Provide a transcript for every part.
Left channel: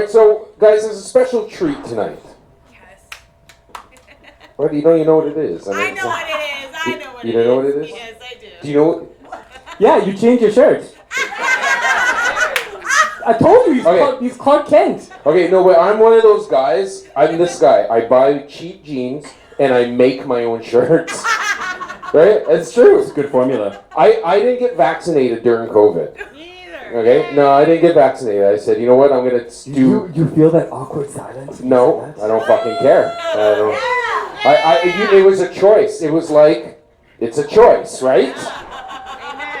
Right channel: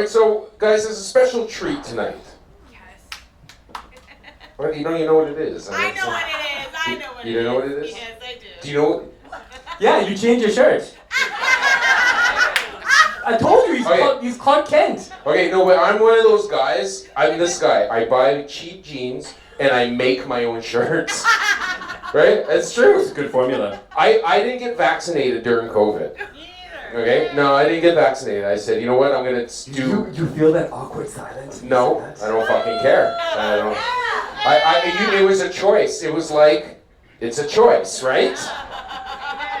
right, so guys, there's a special treat tonight. Yes. What? You don't even know what it is. I know what it is. I know what it is. You know what it is? Yes, I do. Do you know what? Yeah, you changed your shirt. I told you he's Clark Kent. Okay, no, but I'm one of those guys. I'm this guy. I buy cheap jeans and I make my own shirts. Right? It's true. It's a good formula. I didn't get vaccinated during COVID. Neither. Okay? No, I didn't get vaccinated. I said, you know what? I'm gonna do. You feel that awkward silence? No, I don't fucking care. It was a choice. It was like, it's a choice, right?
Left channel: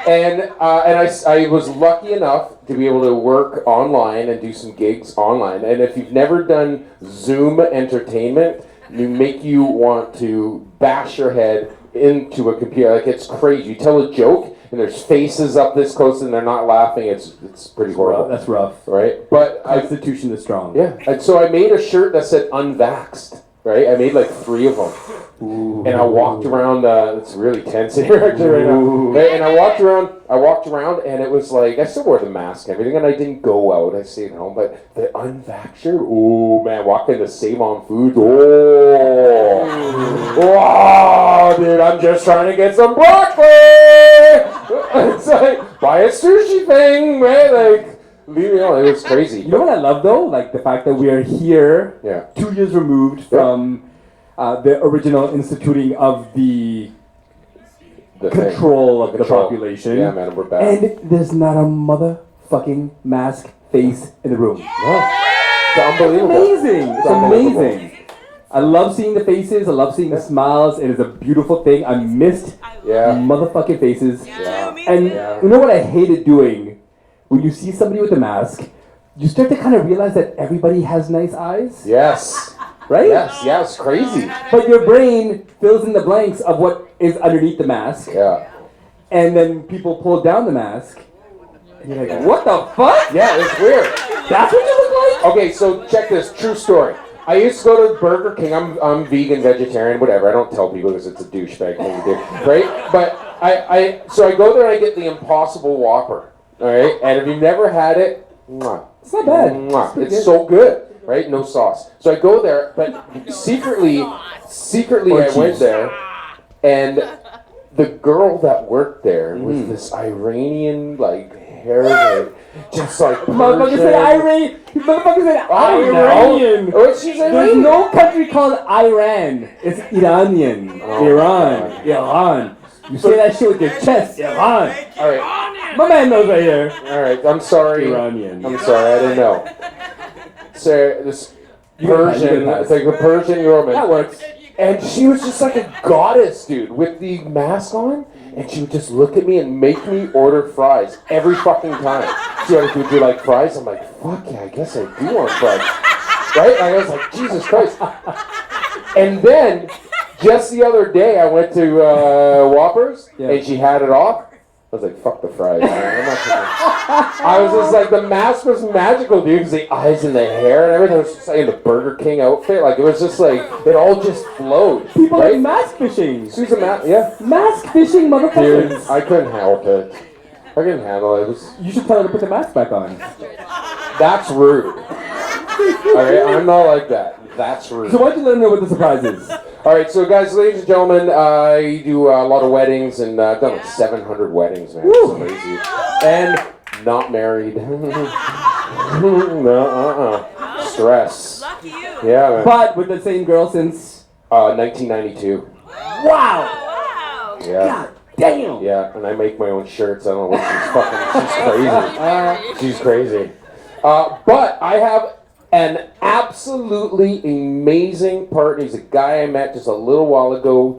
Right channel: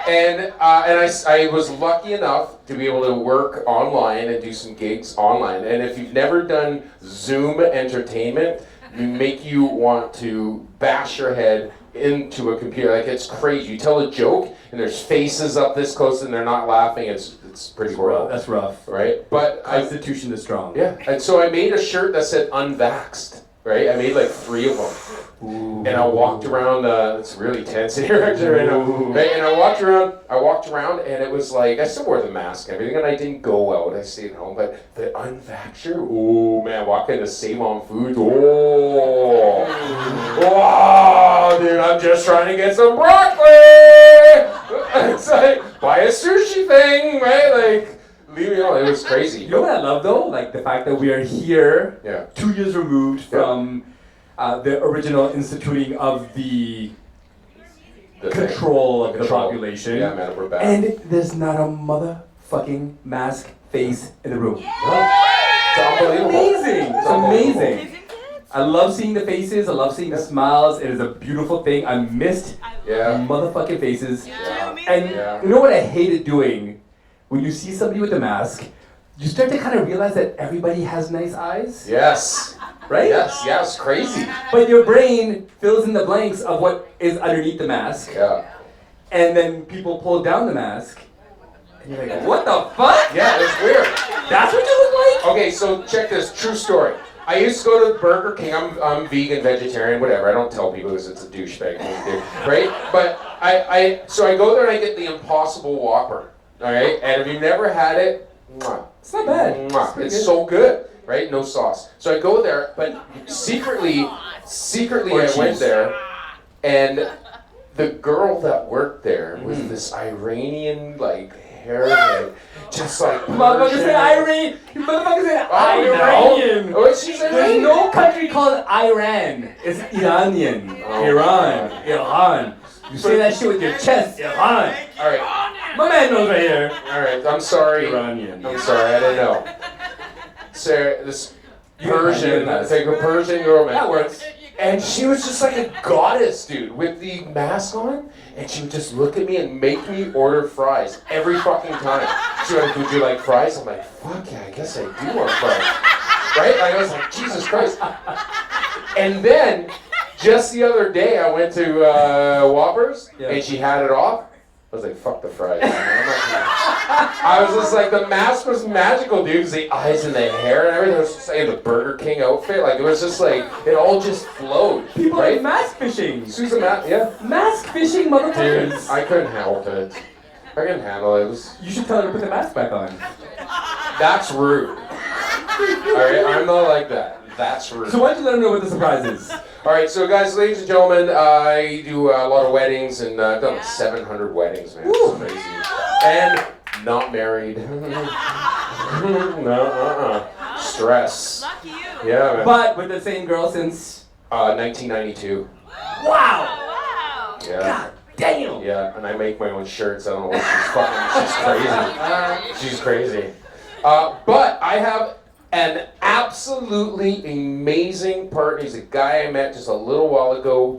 And I was lucky enough to be able to work online and do some gigs online. And if you've never done Zoom entertainment, they make you want to bash your head into a computer. Like, it's crazy. You tell a joke and there's faces up this close and they're not laughing. It's pretty horrible. That's rough. Right? But Constitution is strong. Yeah. And so I made a shirt that said unvaxxed. Right? I made like 3 of them. Ooh. And I walked around, it's really tense in here actually right now. Right? And I walked around and it was like, I still wore the mask and everything and I didn't go out, I stayed home, but the unvaxxed shirt, oh man, walking to Save On Foods, wow, dude, I'm just trying to get some broccoli! It's like, buy a sushi thing, right? Like, leave me alone, it was crazy. You know what I love though? Like the fact that we are here 2 years removed from the original instituting of the control of the population. Yeah, man, we're back. And there's not a motherfucking mask face in the room. It's unbelievable. Amazing. It's amazing. I love seeing the faces. I love seeing the smiles. It is a beautiful thing. I missed motherfucking faces. And you know what I hated doing? When you see somebody with a mask, you start to kind of realize that everybody has nice eyes. Yes. Right? Yes, crazy. But your brain fills in the blanks of what is underneath the mask. Yeah. And then people pull down the mask. And you're like, what the fuck? Yeah, it's weird. That's what you look like? Okay, so check this, true story. I used to go to Burger King. I'm vegan, vegetarian, whatever. I don't tell people because it's a douchebag thing to do, right? But so I go there and I get the Impossible Whopper, all right? And if you've never had it, it's not bad. It's so good, right? No sauce. So I go there, but secretly I went there, and the girl that worked there was this Iranian, like, hair, just like motherfucker said Iranian. You motherfucker said Iranian. Oh, she's Iranian. There's no country called Iran. It's Iranian. Iran. You say that shit with your chest. Iran. All right. My man knows right here. All right. I'm sorry. Iranian. I'm sorry. I didn't know. So this Persian, it's like a Persian girl. That works. And she was just like a goddess, dude, with the mask on. And she would just look at me and make me order fries every fucking time. She's like, would you like fries? I'm like, fuck yeah, I guess I do want fries. Right? And I was like, Jesus Christ. And then, just the other day, I went to Whoppers, and she had it off. I was like, fuck the fries. I was just like, the mask was magical, dude, because the eyes and the hair and everything was just like in the Burger King outfit. Like, it was just like, it all just flowed. People right? like mask fishing. Susan, Mask fishing, motherfuckers. Dude, I couldn't help it. I couldn't handle it. You should tell her to put the mask back on. That's rude. Alright, I'm not like that. That's rude. So why don't you let them know what the surprise is? Alright, so guys, ladies and gentlemen, I do a lot of weddings, and I've done like 700 weddings, man. It's crazy. And not married. No, stress. Lucky you. Yeah, man. But with the same girl since 1992. Wow! Wow. Yeah. God damn! Yeah, and I make my own shirts. I don't know what she's crazy. But I have an absolutely amazing partner. He's a guy I met just a little while ago.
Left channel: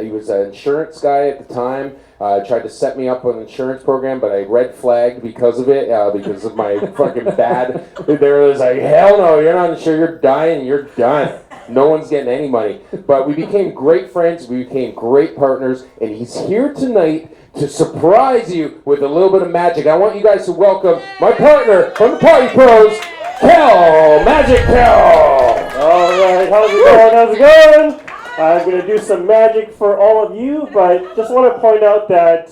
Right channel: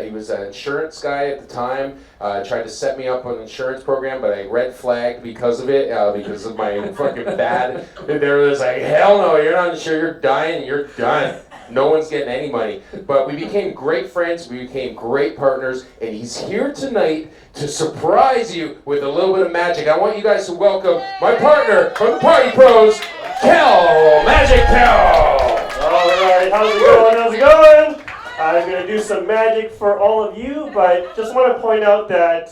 He was an insurance guy at the time. Tried to set me up with an insurance program, but I red flagged because of it, because of my fucking bad. They were just like, hell no, you're not insured, you're dying, you're done. No one's getting any money. But we became great friends, we became great partners, and he's here tonight to surprise you with a little bit of magic. I want you guys to welcome my partner from the Party Pros, Kel, Magic Kel! Alright, how's it going? I'm going to do some magic for all of you, but just want to point out that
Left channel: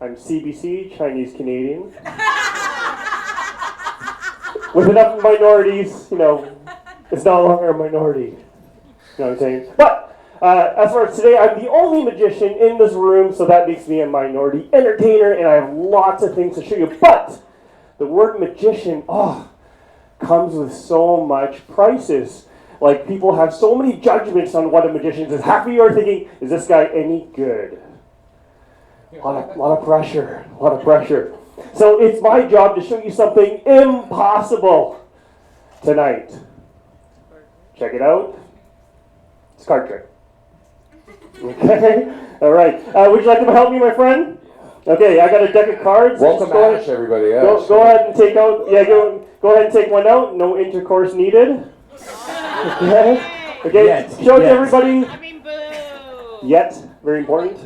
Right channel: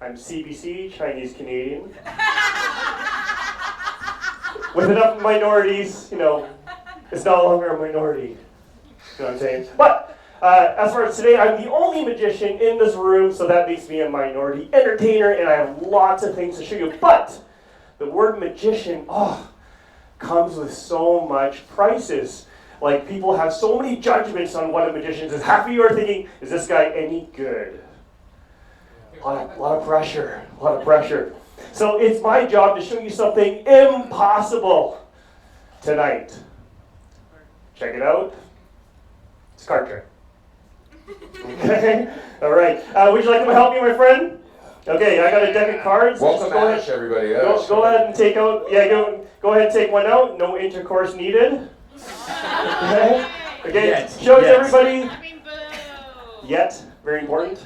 I'm CBC, Chinese Canadian. with enough minorities, you know, it's no longer a minority. You know what I'm saying? But as far as today, I'm the only magician in this room, so that makes me a minority entertainer, and I have lots of things to show you. But the word magician, comes with so much prices. Like, people have so many judgments on what a magician is. Half of you are thinking, is this guy any good? A lot of pressure, a lot of pressure. So it's my job to show you something impossible tonight. Check it out. It's a card trick. Okay? All right. Would you like to help me, my friend? Okay, I got a deck of cards. Welcome, Ash, everybody. Go ahead and take out. Yeah, go ahead and take one out. No intercourse needed. Okay. Okay. Show it to everybody. I mean, boo. Yet, very important.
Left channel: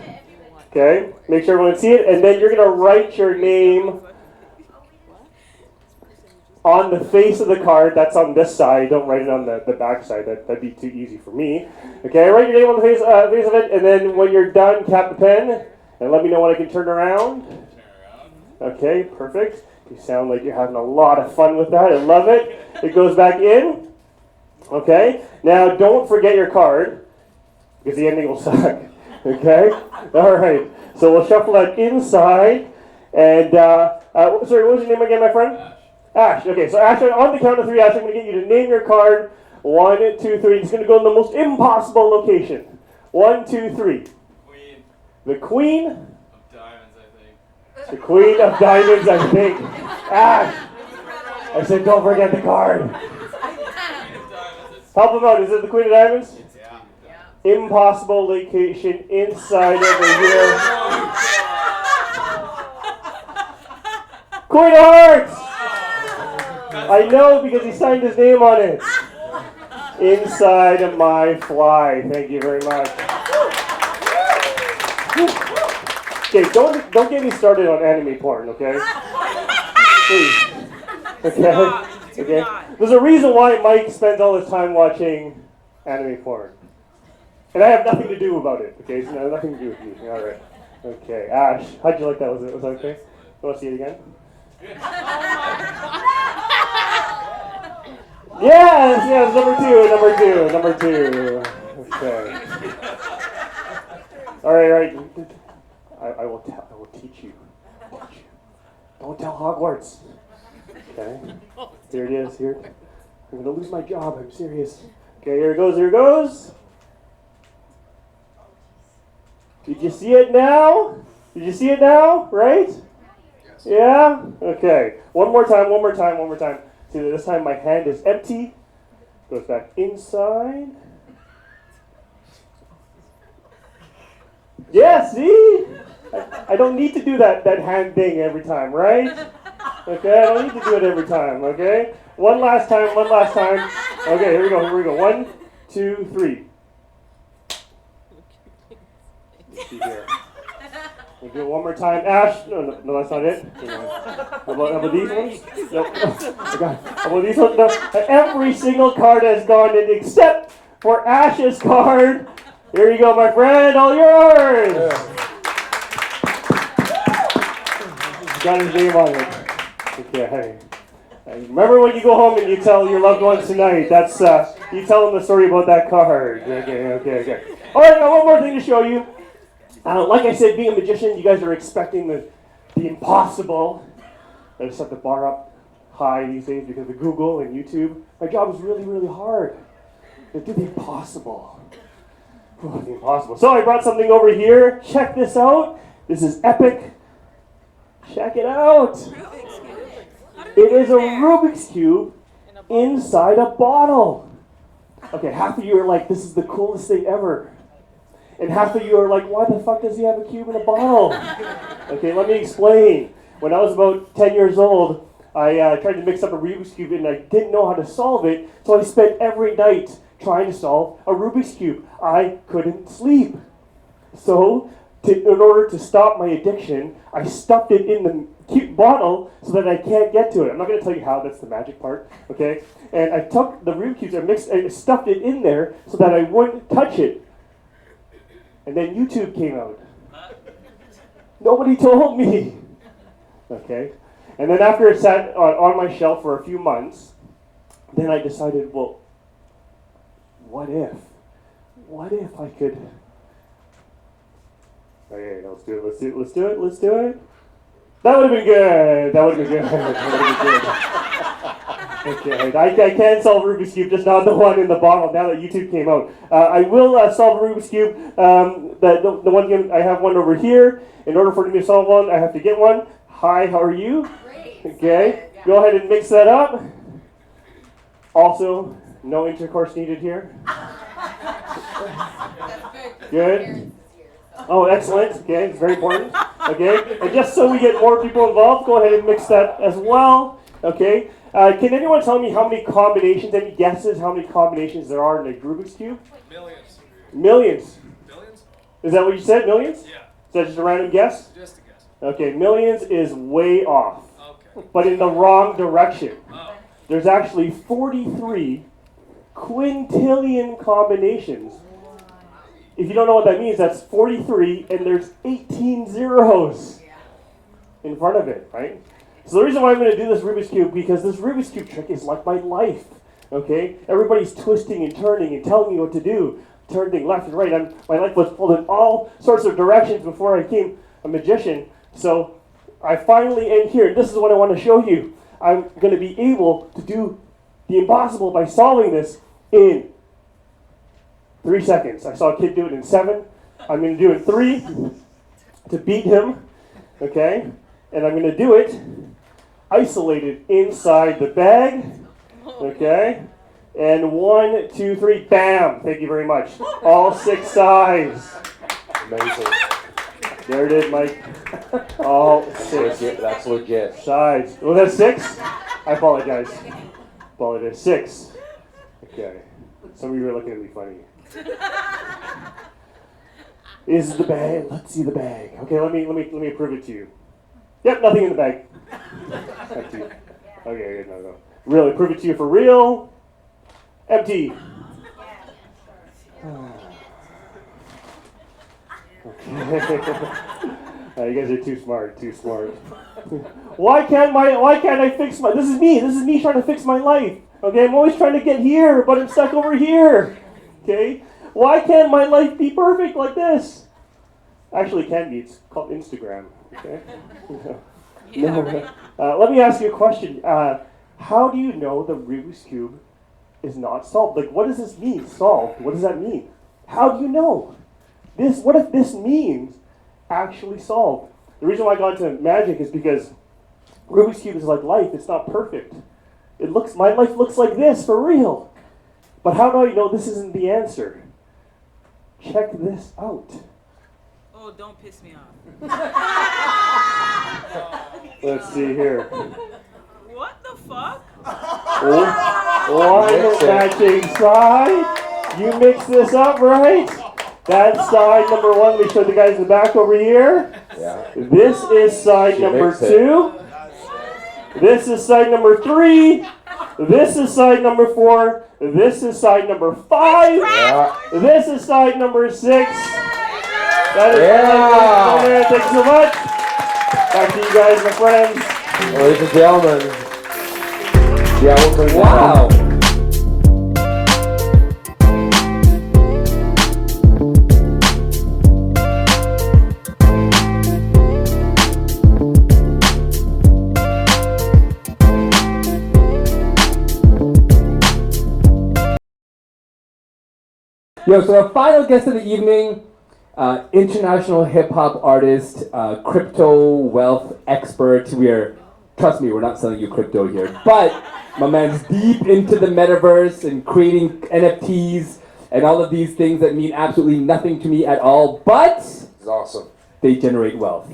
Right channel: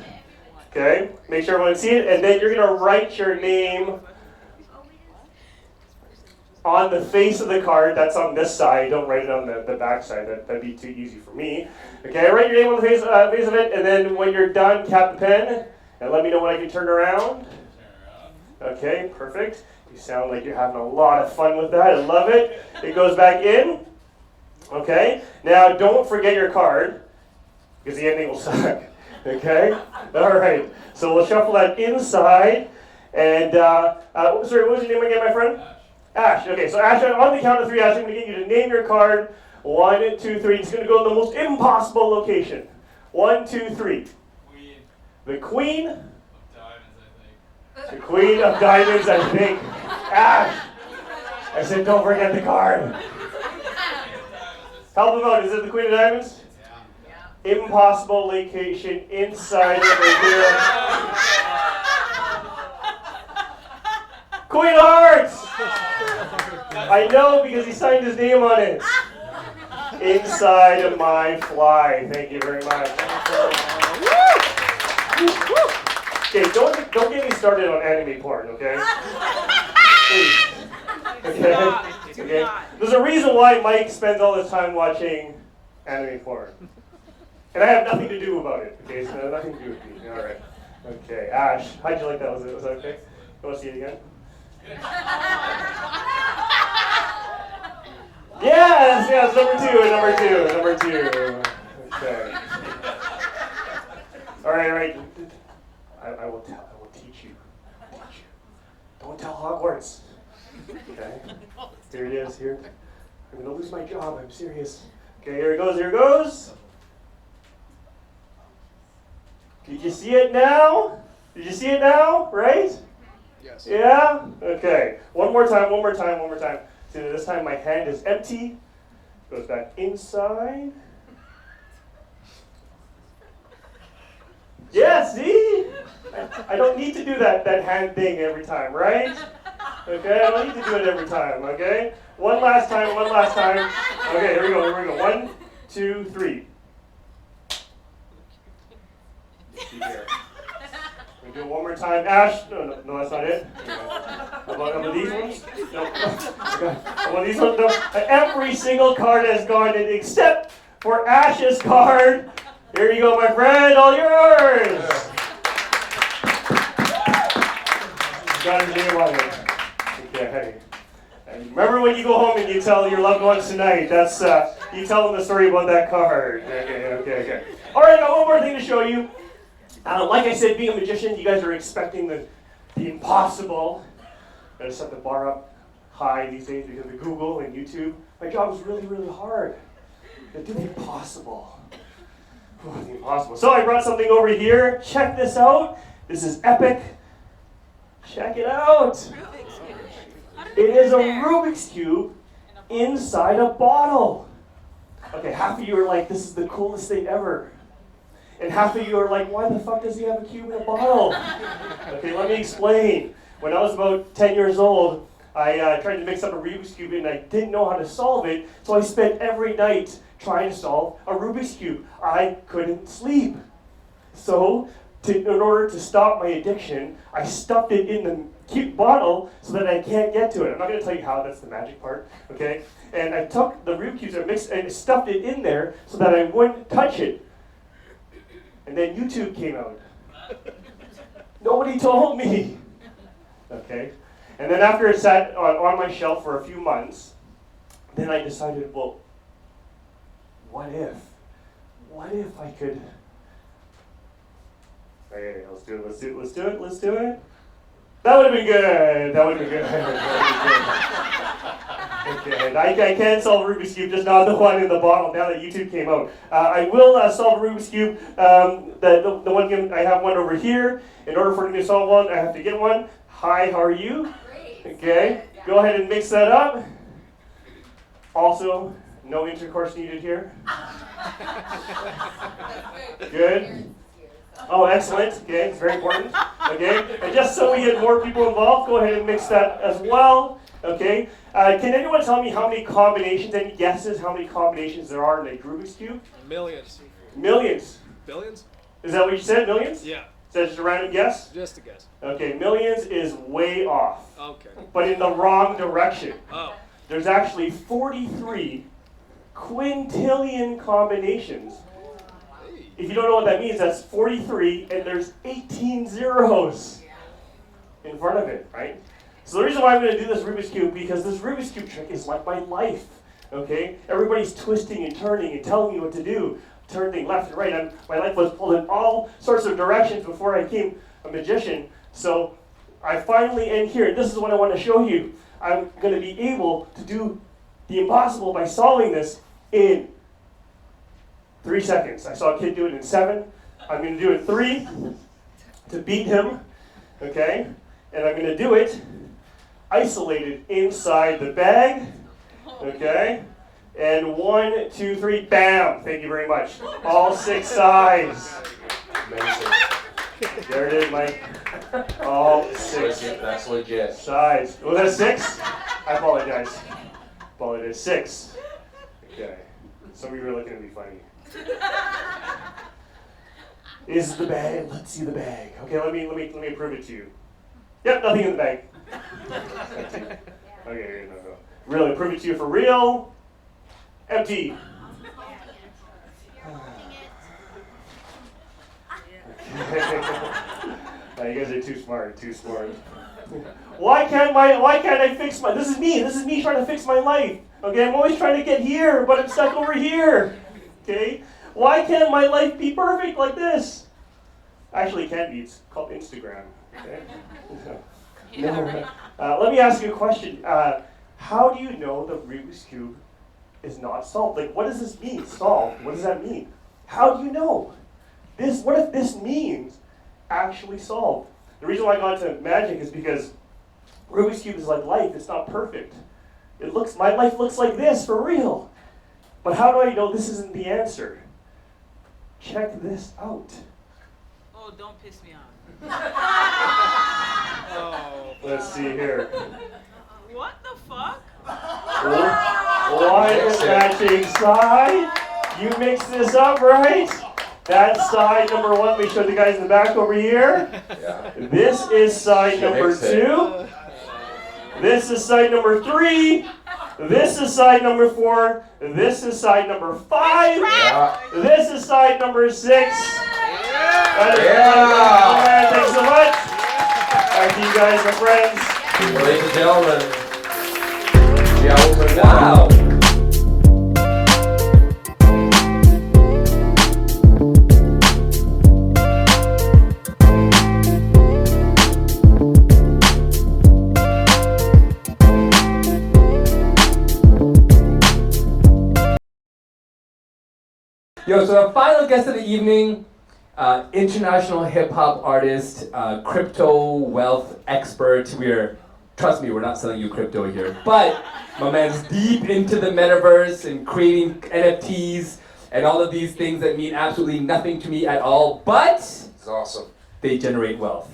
Okay. Make sure everyone can see it, and then you're gonna write your name on the face of the card. That's on this side. Don't write it on the back side. That'd be too easy for me. Okay. Write your name on the face of it, and then when you're done, cap the pen. And let me know when I can turn around. Okay, perfect. You sound like you're having a lot of fun with that. I love it. It goes back in. Okay. Now, don't forget your card, because the ending will suck. Okay? All right. So we'll shuffle that inside. And, sorry, what was your name again, my friend? Ash. Okay, so Ash, on the count of 3, Ash, I'm going to get you to name your card. 1, 2, 3. It's going to go in the most impossible location. 1, 2, 3. The Queen of Diamonds, I think. The Queen of Diamonds, I think. Ash! I said, don't forget the card. Help him out. Is it the Queen of Diamonds? Yeah. Impossible location inside over here. Queen of Hearts! I know because he signed his name on it. Inside of my fly. Thank you very much. Okay, don't get me started on anime porn, okay? Please. Okay? Okay? There's a reason why Mike spends all his time watching anime porn. And I have nothing to do about it, okay? So no, nothing to do with me. All right. Okay, Ash, how'd you like that? Was that okay? You want to see it again? Yes, number two. Okay. All right. I will teach you. Don't tell Hogwarts. Okay. Here it is. Here. I'm gonna lose my job. I'm serious. Okay. Here it goes. Did you see it now? Right? Yes. Yeah. Okay. One more time. See, this time my hand is empty. Goes back inside. Yeah, see? I don't need to do that hand thing every time, right? Okay, I don't need to do it every time, okay? One last time. Okay, here we go. 1, 2, 3. See here. We'll do it one more time. Ash, no, that's not it. How about these ones? No. How about these ones? No. Every single card has gone in except for Ash's card. Here you go, my friend, all yours. Got his name on it. Okay. Remember when you go home and you tell your loved ones tonight, that's, you tell them the story about that card. Okay. All right, I got one more thing to show you. Like I said, being a magician, you guys are expecting the impossible. I gotta set the bar up high these days because of Google and YouTube. My job is really, really hard. To do the impossible. The impossible. So I brought something over here. Check this out. This is epic. Check it out. It is a Rubik's Cube inside a bottle. Okay, half of you are like, this is the coolest thing ever. And half of you are like, why the fuck does he have a cube in a bottle? Okay, let me explain. When I was about 10 years old, I tried to mix up a Rubik's Cube and I didn't know how to solve it, so I spent every night trying to solve a Rubik's Cube. I couldn't sleep. So, in order to stop my addiction, I stuffed it in the cute bottle so that I can't get to it. I'm not going to tell you how, that's the magic part, okay? And I took the Rubik's Cubes and stuffed it in there so that I wouldn't touch it. And then YouTube came out. Nobody told me. Okay? And then after it sat on my shelf for a few months, then I decided, well, what if I could, okay, let's do it. That would have been good. Okay, I can solve a Rubik's Cube, just not the one in the bottle now that YouTube came out. I will solve a Rubik's Cube. The one game, I have one over here. In order for me to solve one, I have to get one. Hi, how are you? Great. Okay, go ahead and mix that up. Also, no intercourse needed here. Good. Oh, excellent. Okay, it's very important. Okay, and just so we get more people involved, go ahead and mix that as well. Okay, can anyone tell me how many combinations, any guesses how many combinations there are in a Rubik's Cube? Millions. Millions. Billions? Is that what you said, millions? Yeah. Is that just a random guess? Just a guess. Okay, millions is way off, Okay. but in the wrong direction. Oh. There's actually 43 quintillion combinations. If you don't know what that means, that's 43 and there's 18 zeros in front of it, right? So the reason why I'm going to do this Rubik's Cube, because this Rubik's Cube trick is like my life, okay? Everybody's twisting and turning and telling me what to do, turning left and right. My life was pulled in all sorts of directions before I became a magician. So I finally end here, and this is what I want to show you. I'm going to be able to do the impossible by solving this in 3 seconds. I saw a kid do it in 7. I'm going to do it 3 to beat him, okay? And I'm going to do it isolated inside the bag, okay? And 1, 2, 3, bam! Thank you very much. All 6 sides. Amazing. There it is, Mike. All 6 That's legit. sides. Was that 6? I apologize. Well, it is 6. Okay. Some of you are looking at me funny. Is the bag? Let's see the bag. Okay, let me prove it to you. Yep, nothing in the bag. Empty. Okay, no. Really, prove it to you for real. Empty. You guys are too smart. Why can't I fix my? This is me trying to fix my life. Okay, I'm always trying to get here, but I'm stuck over here. Okay, why can't my life be perfect like this? Actually, it can be. It's called Instagram. Okay. Yeah, right. Let me ask you a question. How do you know the Rubik's Cube is not solved? Like, what does this mean, solved? What does that mean? How do you know? What if this means actually solved? The reason why I got into magic is because Rubik's Cube is like life. It's not perfect. My life looks like this, for real. But how do I know this isn't the answer? Check this out. Oh, don't piss me off. Let's see here. What the fuck? One matching side. You mix this up, right? That's side number 1. We showed the guys in the back over here. Yeah. This is side number 2. This is side number 3. This is side number 4. This is side number 5. Yeah. This is side number 6. That is Thanks so much. Back to you guys, my friends. Ladies and gentlemen. Yeah, over Wow. Yo, so our final guest of the evening, international hip-hop artist, crypto wealth expert. Trust me, we're not selling you crypto here, but my man's deep into the metaverse and creating NFTs and all of these things that mean absolutely nothing to me at all, but It's awesome. they generate wealth.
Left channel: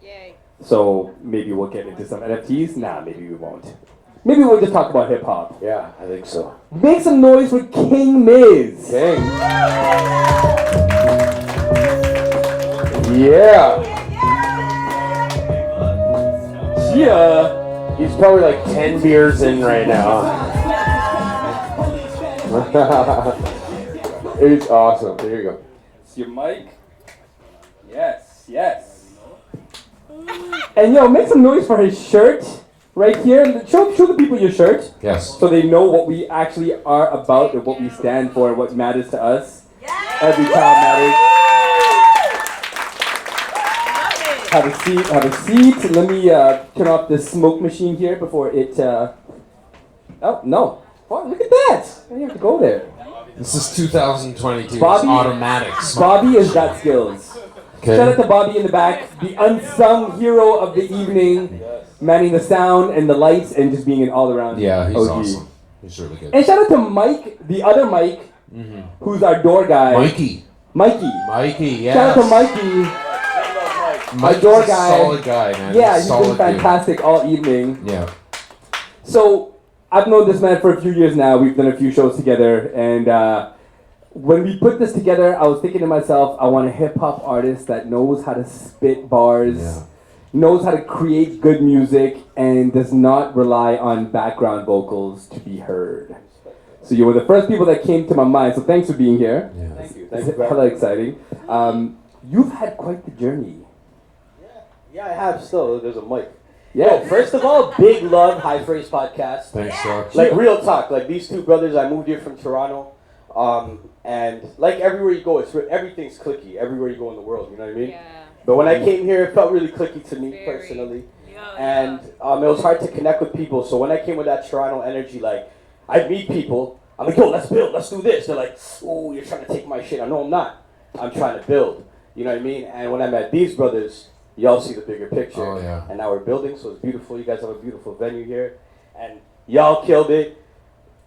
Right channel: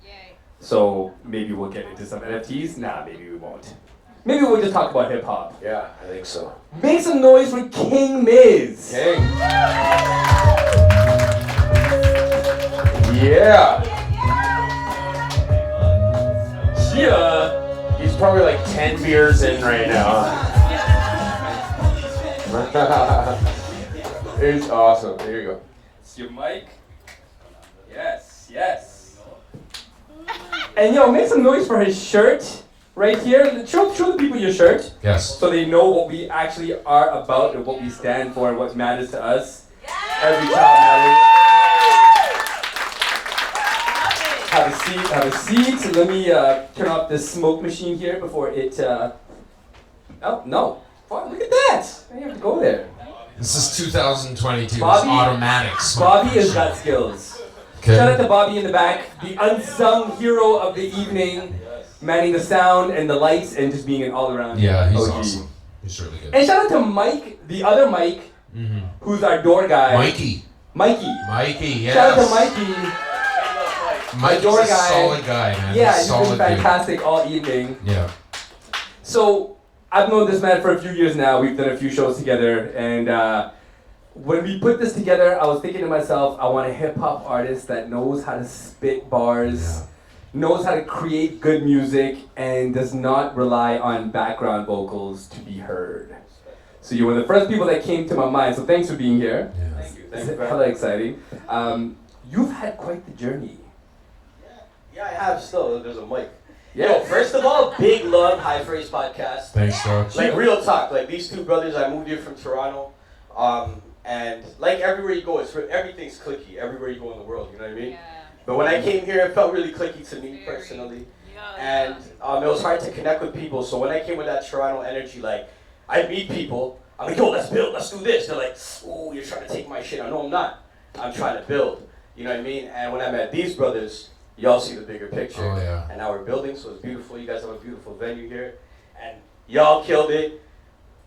Yay. So maybe we'll get into some NFTs. Nah, maybe we won't. Maybe we'll just talk about hip-hop. Yeah, I think so. Make some noise for King Miz. King. Yeah. Yeah. He's probably like 10 beers in right now. It's awesome. Here you go. It's your mic. Yes, yes. And yo, make some noise for his shirt right here. Show the people your shirt. Yes. So they know what we actually are about and what we stand for and what matters to us. Every child matters. Have a seat. Let me turn off this smoke machine here before it, oh, no. Fuck, look at that. You have to go there. This is 2022. Bobby, it's automatic. Bobby has got skills. Okay. Shout out to Bobby in the back, the unsung hero of the evening, manning the sound and the lights and just being an all-around Yeah, he's OG. awesome. He's really good. And shout out to Mike, the other Mike, who's our door guy. Mikey, yes. Shout out to Mikey. Mike's door a guy. solid guy, man. Yeah, he's solid been fantastic all evening. Dude. Yeah. So, I've known this man for a few years now. We've done a few shows together, and when we put this together, I was thinking to myself, I want a hip-hop artist that knows how to spit bars, knows how to create good music, and does not rely on background vocals to be heard. So you were the first people that came to my mind, so thanks for being here. Yeah. Thank you. It's hella exciting. You've had quite the journey. Yeah, I have still. There's a mic. Yeah. Yo, first of all, big love, High Phrase Podcast. Thanks, Josh. Like, real talk. Like, these two brothers, I moved here from Toronto. And, like, everywhere you go, everything's clicky. Everywhere you go in the world, you know what I mean? Yeah. But when I came here, it felt really clicky to me, Very. personally. Yeah, And it was hard to connect with people. So when I came with that Toronto energy, like, I'd meet people. I'm like, yo, let's build, let's do this. They're like, oh, you're trying to take my shit. I know I'm not. I'm trying to build. You know what I mean? And when I met these brothers, y'all see the bigger picture. Oh, yeah. And now we're building, so it's beautiful. You guys have a beautiful venue here. And y'all killed it.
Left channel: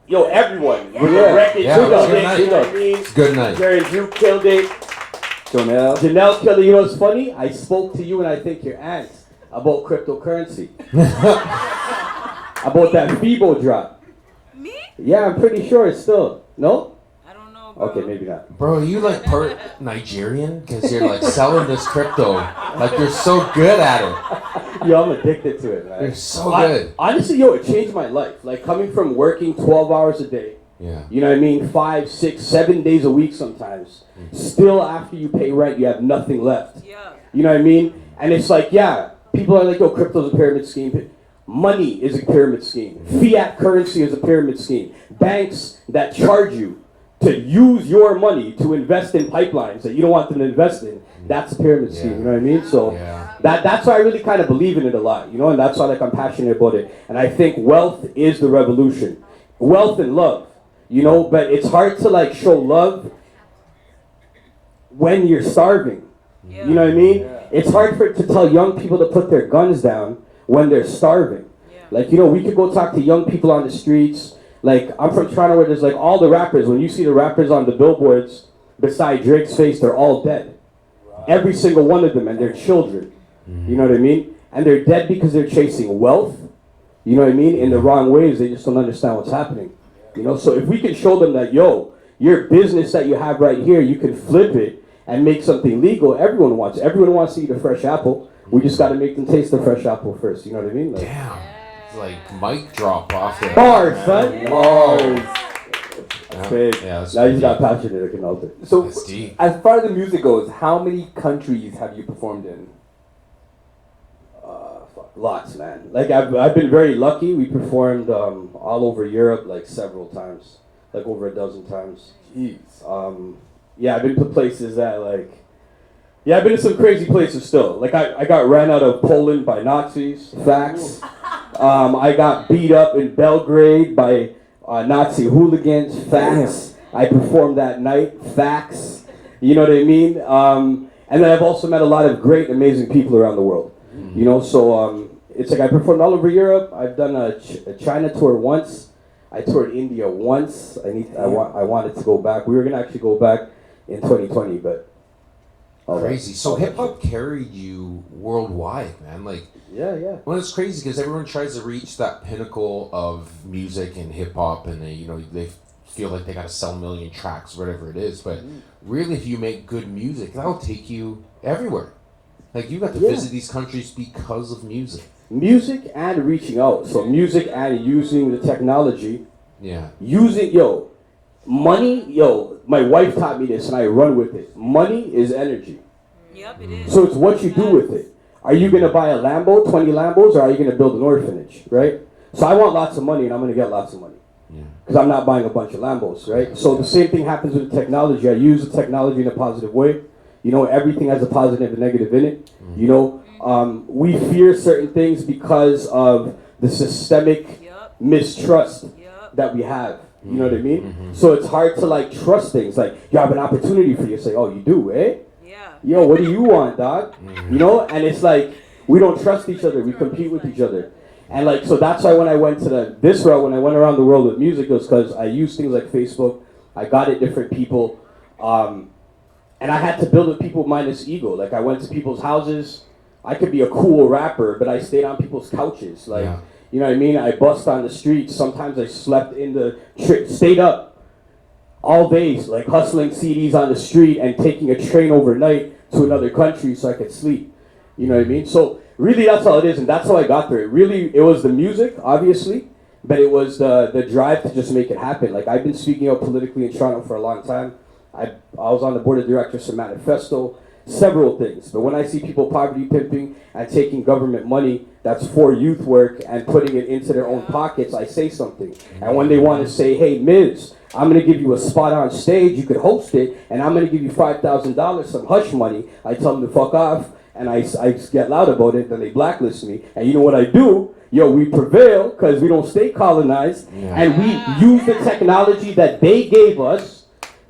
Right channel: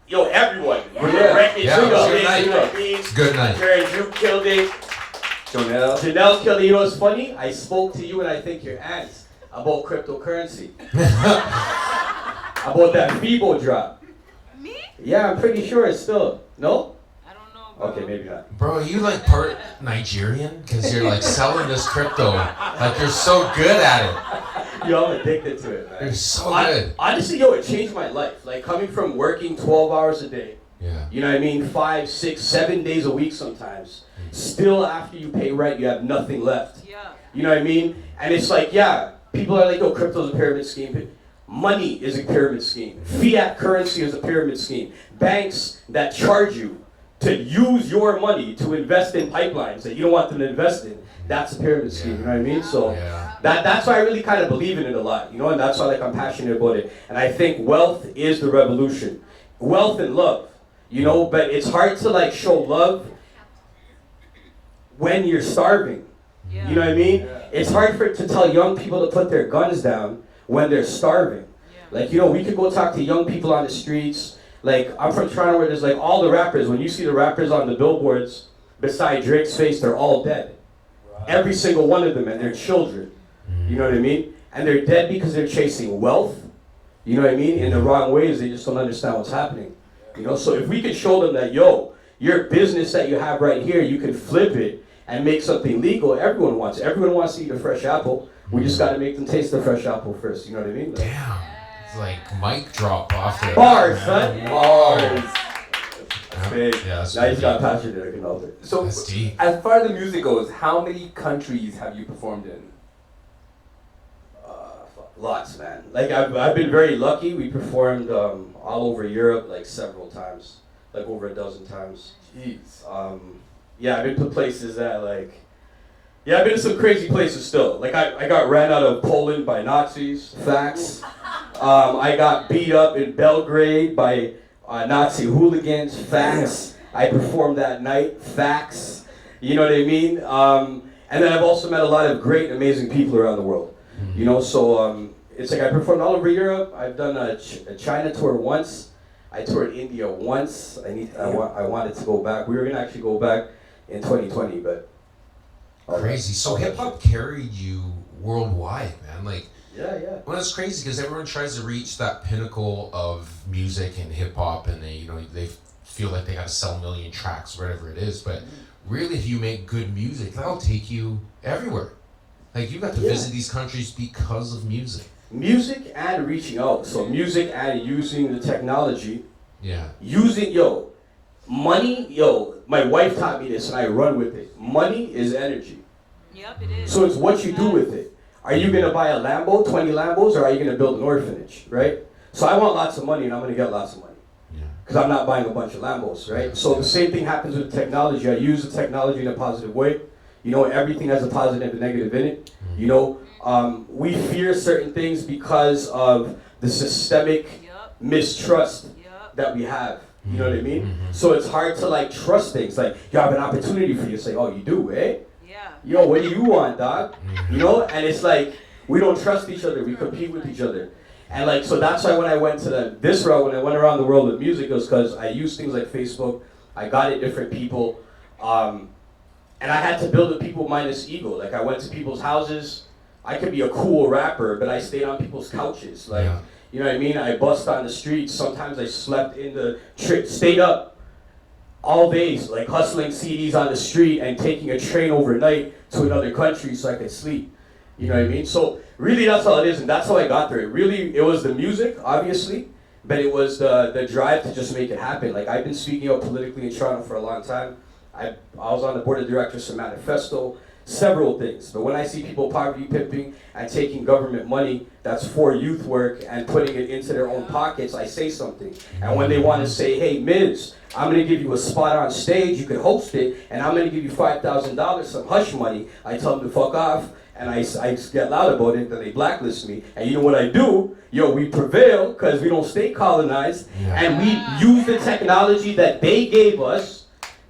Yo, everyone. Yeah. We're wrecking. Yeah, it was a good night. It's Good night. Jerry and Drew killed it. Janelle. Janelle killed it. You know what's funny? I spoke to you and I think your aunt about cryptocurrency. About that FIBO drop. Me? Yeah, I'm pretty sure it's still. No? I don't know, bro. Okay, maybe not. Bro, are you like part Nigerian? Because you're like selling this crypto. Like you're so good at it. Yo, I'm addicted to it, man. You're so good. Honestly, yo, it changed my life. Like coming from working 12 hours a day. Yeah. You know what I mean? 5, 6, 7 days a week sometimes. Still, after you pay rent, you have nothing left. Yeah. You know what I mean? And it's like, yeah, people are like, yo, crypto's a pyramid scheme. Money is a pyramid scheme. Fiat currency is a pyramid scheme. Banks that charge you to use your money to invest in pipelines that you don't want them to invest in, that's a pyramid scheme, you know what I mean? So that's why I really kind of believe in it a lot, you know, and that's why like I'm passionate about it. And I think wealth is the revolution. Wealth and love, you know, but it's hard to like show love when you're starving. Yeah. You know what I mean? It's hard to tell young people to put their guns down when they're starving. Yeah. Like, you know, we could go talk to young people on the streets. Like, I'm from Toronto where there's like all the rappers, when you see the rappers on the billboards beside Drake's face, they're all dead. Every single one of them, and they're children. You know what I mean? And they're dead because they're chasing wealth, you know what I mean, in the wrong ways. They just don't understand what's happening. You know, so if we can show them that, yo, your business that you have right here, you can flip it and make something legal, everyone wants to eat a fresh apple. We just got to make them taste the fresh apple first, you know what I mean? Like, Damn. It's like mic drop off there. bars, son. Bars. Yeah. Big. Yeah, that's Now he's got pretty passion that I can alter. So, That's deep. as far as the music goes, how many countries have you performed in? Lots, man. Like I've been very lucky. We performed all over Europe like several times, like over a dozen times. Jeez. Yeah, I've been to places that like, yeah, I've been to some crazy places still. Like I got ran out of Poland by Nazis. Facts. I got beat up in Belgrade by Nazi hooligans. Facts. I performed that night. Facts. You know what I mean? And then I've also met a lot of great, amazing people around the world. You know, so it's like I performed all over Europe. I've done a China tour once. I toured India once. I wanted to go back. We were gonna actually go back in 2020, but Crazy. So hip hop carried you worldwide, man. Like, yeah. well, it's crazy because everyone tries to reach that pinnacle of music and hip hop, and they feel like they gotta sell a million tracks, whatever it is. But really, if you make good music, that'll take you everywhere. Like, you got to visit these countries because of music. Music and reaching out. So music and using the technology. Yeah. Using, money, my wife taught me this and I run with it. Money is energy. Yep, it is. So it's what you do with it. Are you gonna buy a Lambo, 20 Lambos, or are you gonna build an orphanage, right? So I want lots of money and I'm gonna get lots of money. Because I'm not buying a bunch of Lambos, right? So the same thing happens with technology. I use the technology in a positive way. You know, everything has a positive and negative in it. You know, we fear certain things because of the systemic mistrust that we have. You know what I mean? So it's hard to like trust things. Like, you have an opportunity for you to say, oh, you do, eh? Yeah. Yo, what do you want, dog? You know? And it's like, we don't trust each other. We compete with each other. And like, so that's why when I went to this route, when I went around the world with music, it was because I used things like Facebook. I got at different people. And I had to build with people minus ego. Like, I went to people's houses. I could be a cool rapper, but I stayed on people's couches. Like, you know what I mean? I bust on the streets. Sometimes I slept in the, stayed up all days, like hustling CDs on the street and taking a train overnight to another country so I could sleep. You know what I mean? So really that's all it is, and that's how I got there. It was the music, obviously, but it was the drive to just make it happen. Like, I've been speaking out politically in Toronto for a long time. I was on the board of directors for Manifesto, several things. But when I see people poverty pimping and taking government money that's for youth work and putting it into their own pockets, I say something. And when they want to say, hey, Miz, I'm going to give you a spot on stage, you can host it, and I'm going to give you $5,000, some hush money, I tell them to fuck off. And I get loud about it, then they blacklist me. And you know what I do? Yo, we prevail because we don't stay colonized. And we use the technology that they gave us.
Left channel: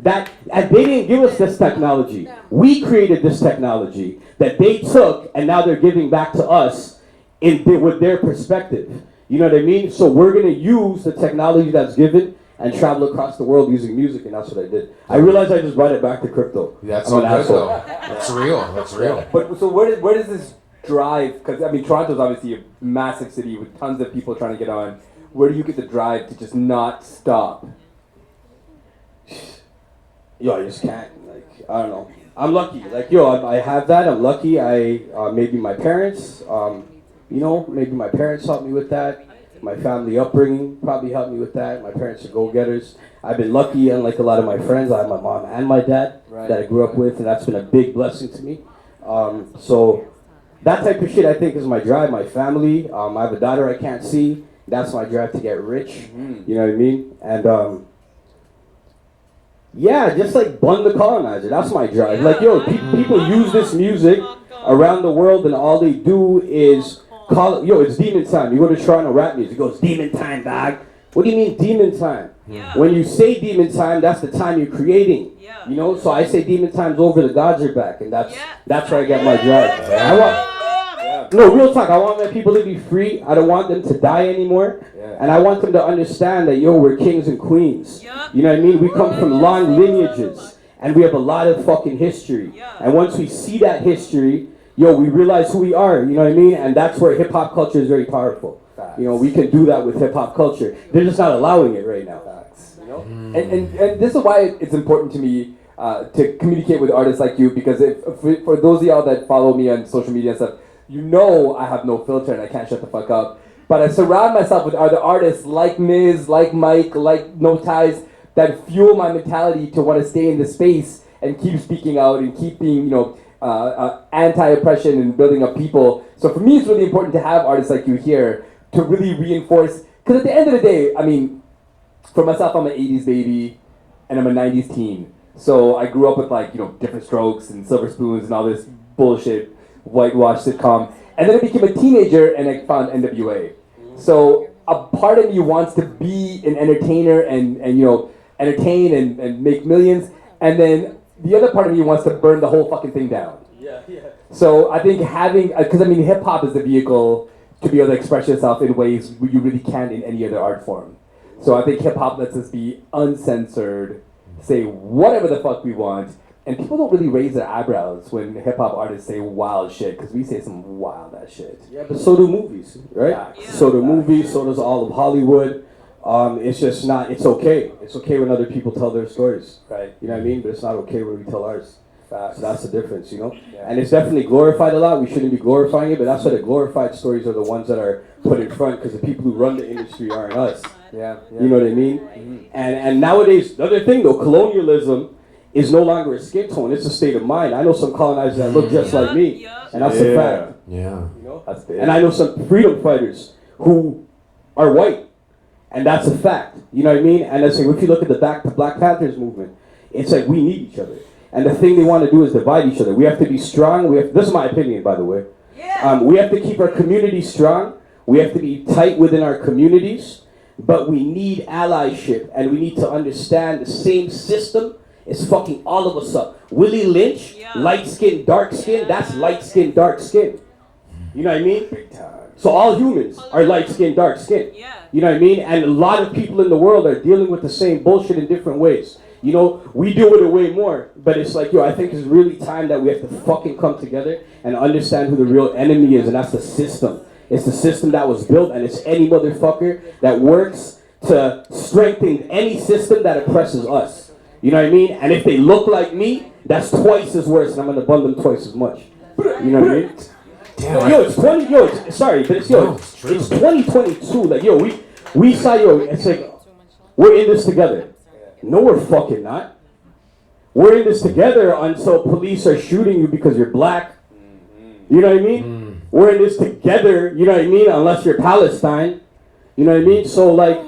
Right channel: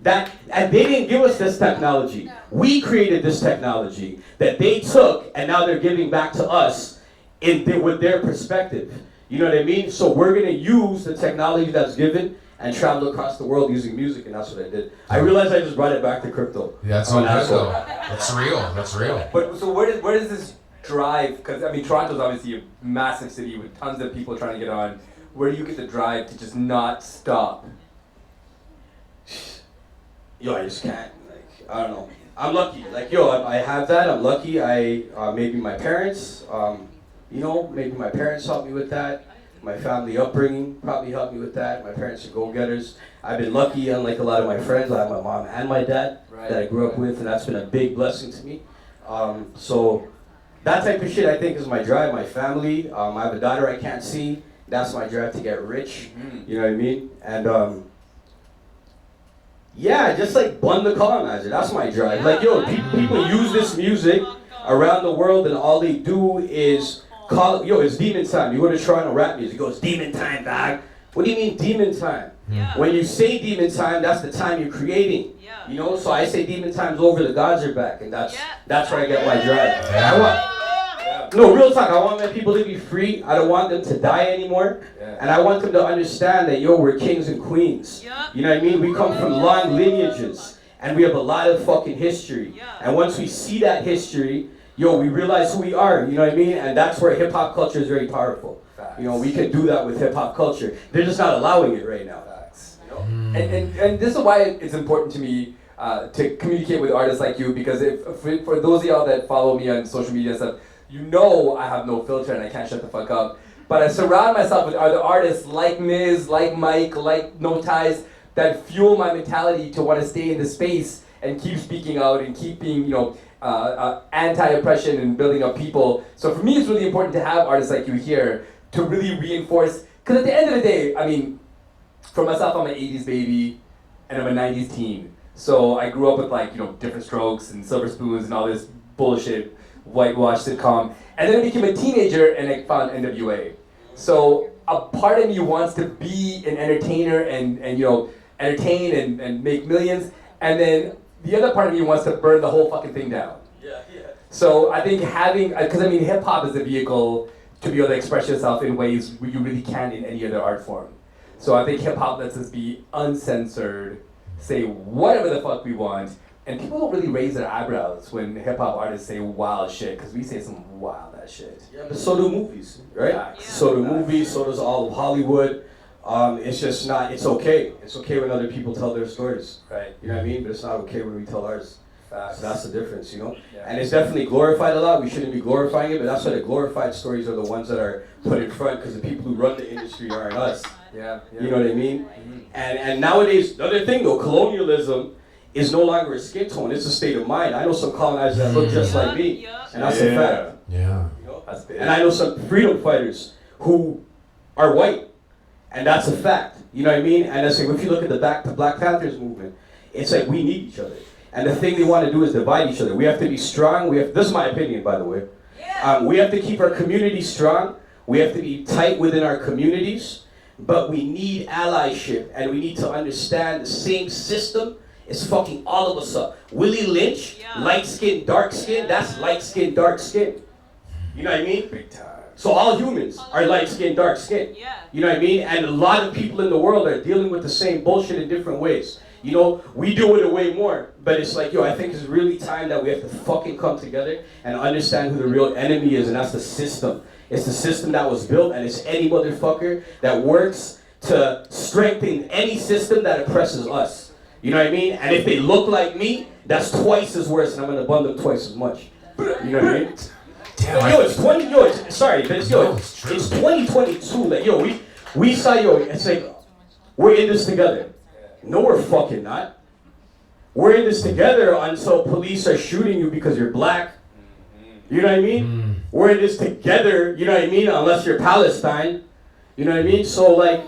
And they didn't give us this technology. We created this technology that they took, and now they're giving back to us with their perspective. You know what I mean? So we're going to use the technology that's given and travel across the world using music, and that's what I did. I realized I just brought it back to crypto. Yeah, that's all good though. That's real. That's real. But so where does this drive? Because I mean, Toronto's obviously a massive city with tons of people trying to get on. Where do you get the drive to just not stop? Yo, I just can't. Like, I don't know. I'm lucky. Like, yo, I have that. I'm lucky. Maybe my parents. You know, maybe my parents helped me with that. My family upbringing probably helped me with that. My parents are go-getters. I've been lucky, unlike a lot of my friends. I have my mom and my dad that I grew up with, and that's been a big blessing to me. So that type of shit, I think, is my drive. My family. I have a daughter I can't see. That's my drive to get rich. You know what I mean? And yeah, just like bun the colonizer. That's my drive. Like, yo, people use this music around the world, and all they do is it's demon time. You go to Toronto rap music, it goes, demon time, dog. What do you mean demon time? When you say demon time, that's the time you're creating. You know, so I say demon time's over, the gods are back, and that's where I get my drive. No, real talk, I want my people to be free. I don't want them to die anymore. And I want them to understand that, yo, we're kings and queens. You know what I mean? We come from long lineages, and we have a lot of fucking history. And once we see that history, yo, we realize who we are, you know what I mean? And that's where hip-hop culture is very powerful. You know, we can do that with hip-hop culture. They're just not allowing it right now. You know? And this is why it's important to me to communicate with artists like you, because for those of y'all that follow me on social media and stuff, you know I have no filter and I can't shut the fuck up. But I surround myself with other artists like Miz, like Mike, like No Ties, that fuel my mentality to want to stay in the space and keep speaking out and keep being, you know, anti-oppression and building up people. So for me, it's really important to have artists like you here to really reinforce, because at the end of the day, I mean, for myself, I'm an 80s baby and I'm a 90s teen. So I grew up with, like, you know, Different Strokes and Silver Spoons and all this bullshit, whitewashed sitcom. And then I became a teenager and I found NWA. So a part of me wants to be an entertainer and you know, entertain and make millions. And then the other part of me wants to burn the whole fucking thing down. So I think having, because I mean, hip hop is a vehicle to be able to express yourself in ways where you really can't in any other art form. So I think hip hop lets us be uncensored, say whatever the fuck we want, and people don't really raise their eyebrows when hip hop artists say wild shit, because we say some wild ass shit. Yeah, but so do movies, right? So do movies, so does all of Hollywood. It's just not, it's okay. It's okay when other people tell their stories. Right. You know what I mean? But it's not okay when we tell ours. So that's the difference, you know? And it's definitely glorified a lot. We shouldn't be glorifying it, but that's why the glorified stories are the ones that are put in front, because the people who run the industry aren't us. You know what I mean? And nowadays, the other thing though, colonialism is no longer a skin tone, it's a state of mind. I know some colonizers that look just like me, and that's a fact. Yeah. You know? That's big. And I know some freedom fighters who are white, and that's a fact. You know what I mean? And it's like, if you look at the Black Panthers movement, it's like we need each other. And the thing they want to do is divide each other. We have to be strong. This is my opinion, by the way. We have to keep our community strong. We have to be tight within our communities. But we need allyship, and we need to understand the same system is fucking all of us up. Willie Lynch, light skin, dark skin, that's light skin, dark skin. You know what I mean? Big time. So all humans are light skin, dark skin. You know what I mean? And a lot of people in the world are dealing with the same bullshit in different ways. You know, we deal with it way more, but it's like, yo, I think it's really time that we have to fucking come together and understand who the real enemy is, and that's the system. It's the system that was built, and it's any motherfucker that works to strengthen any system that oppresses us. You know what I mean? And if they look like me, that's twice as worse, and I'm gonna bun them twice as much. You know what I mean? Damn. Yo, it's 20. Yo, sorry, but it's 2022. Like, yo, we saw, yo. It's like we're in this together. No, we're fucking not. We're in this together until police are shooting you because you're black. You know what I mean? We're in this together. You know what I mean? Unless you're Palestine. You know what I mean? So like,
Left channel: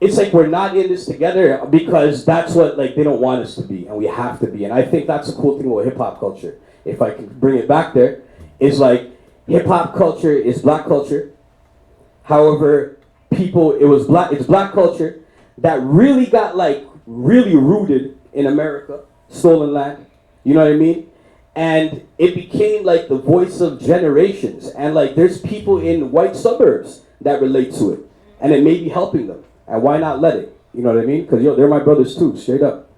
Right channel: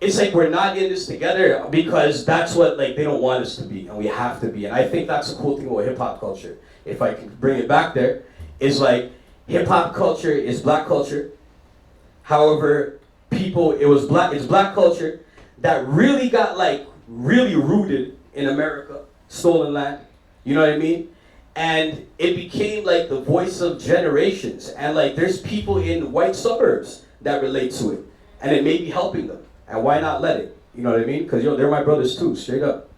it's like we're not in this together because that's what like they don't want us to be, and we have to be. And I think that's a cool thing with hip hop culture. If I can bring it back there, is like hip hop culture is black culture. However, it's black culture that really got like really rooted in America, stolen land. You know what I mean? And it became like the voice of generations. And like there's people in white suburbs that relate to it, and it may be helping them. And why not let it? You know what I mean? Because yo, they're my brothers too, straight up.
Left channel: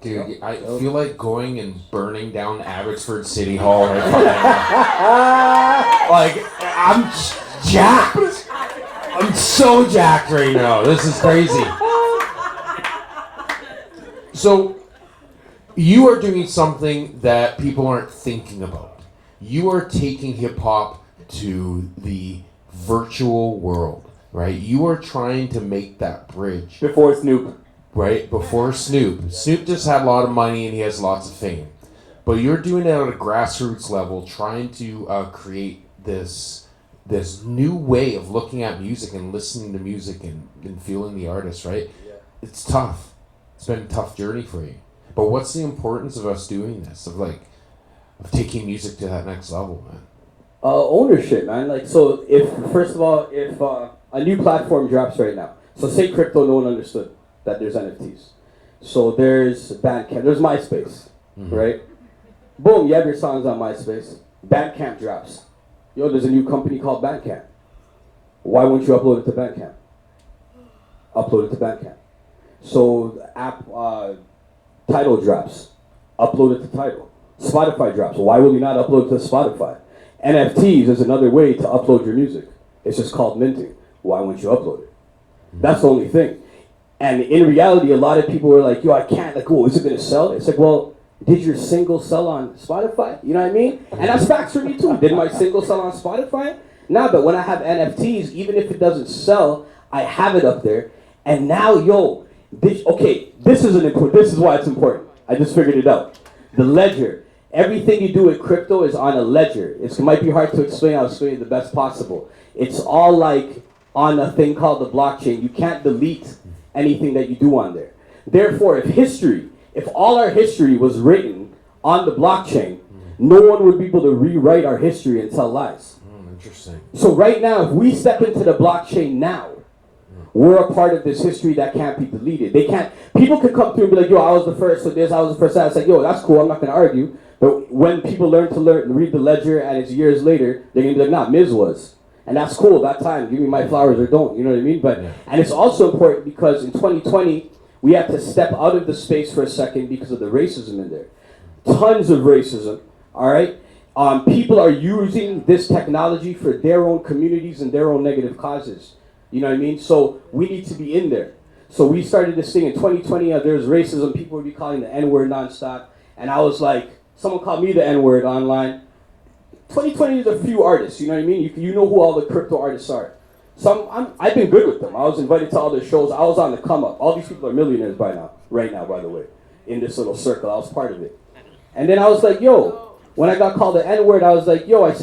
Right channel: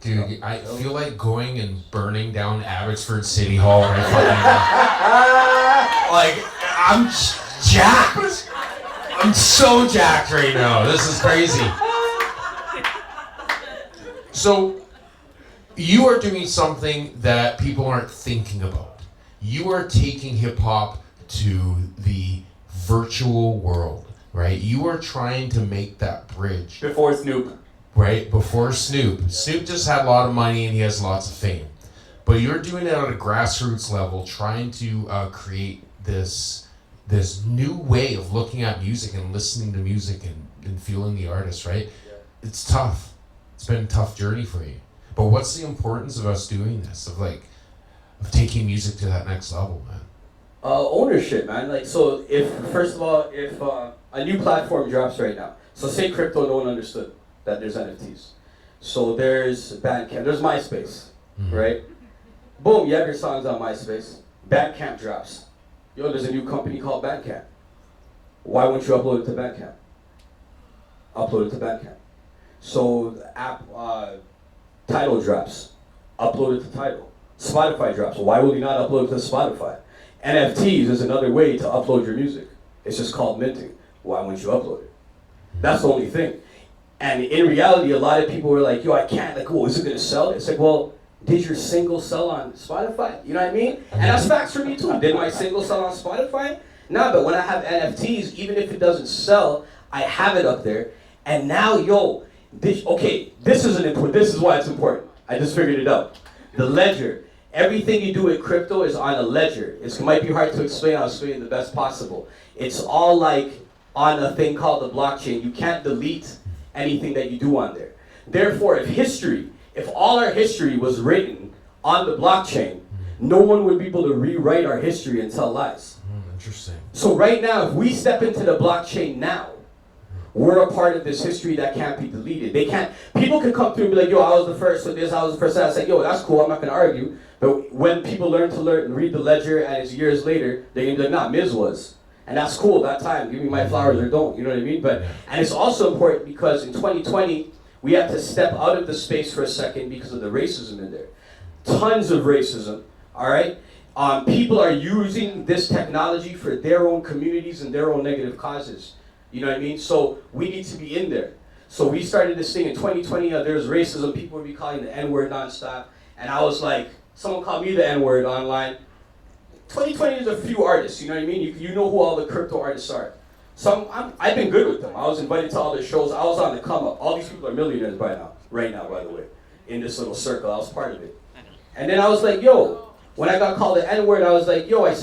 Dude, I feel like going and burning down Abbotsford City Hall right fucking like, I'm jacked. I'm so jacked right now. This is crazy. So, you are doing something that people aren't thinking about. You are taking hip-hop to the virtual world, right? You are trying to make that bridge. Before Snoop. Right, before Snoop. Snoop just had a lot of money and he has lots of fame. But you're doing it at a grassroots level, trying to create this new way of looking at music and listening to music and feeling the artist, right? It's tough. It's been a tough journey for you. But what's the importance of us doing this, of taking music to that next level, man? Ownership, man. Like, so if a new platform drops right now, so say crypto, no one understood that there's NFTs. So there's Bandcamp, there's MySpace, right? Boom, you have your songs on MySpace. Bandcamp drops. Yo, there's a new company called Bandcamp. Why won't you upload it to Bandcamp? Upload it to Bandcamp. So the app Tidal drops. Upload it to Tidal. Spotify drops. Why will you not upload it to Spotify? NFTs is another way to upload your music. It's just called minting. Why won't you upload it? That's the only thing. And in reality, a lot of people were like, yo, I can't, like, oh, is it gonna sell? It's like, well, did your single sell on Spotify? You know what I mean? And that's facts for me too. Did my single sell on Spotify? Nah, but when I have NFTs, even if it doesn't sell, I have it up there. And now, yo, this is why it's important. I just figured it out. The ledger. Everything you do with crypto is on a ledger. It might be hard to explain, I'll explain it the best possible. It's all like on a thing called the blockchain. You can't delete anything that you do on there. Therefore, if all our history was written on the blockchain, no one would be able to rewrite our history and tell lies. Interesting. So right now, if we step into the blockchain now, we're a part of this history that can't be deleted. People can come through and be like, yo, I was the first with this, I was the first that. It's like, yo, that's cool, I'm not gonna argue. But when people learn to read the ledger and it's years later, they're gonna be like, nah, Miz was. And that's cool, that time, give me my flowers or don't, you know what I mean? And it's also important because in 2020, we have to step out of the space for a second because of the racism in there. Tons of racism, all right? People are using this technology for their own communities and their own negative causes. You know what I mean? So we need to be in there. So we started this thing in 2020, there was racism, people would be calling the N-word nonstop. And I was like, someone called me the N-word online. 2020 is a few artists, you know what I mean? You know who all the crypto artists are. I've been good with them. I was invited to all their shows. I was on the come up. All these people are millionaires right now, by the way. in this little circle. I was part of it. And then I was like, yo, when I got called the N-word, I was like, yo, I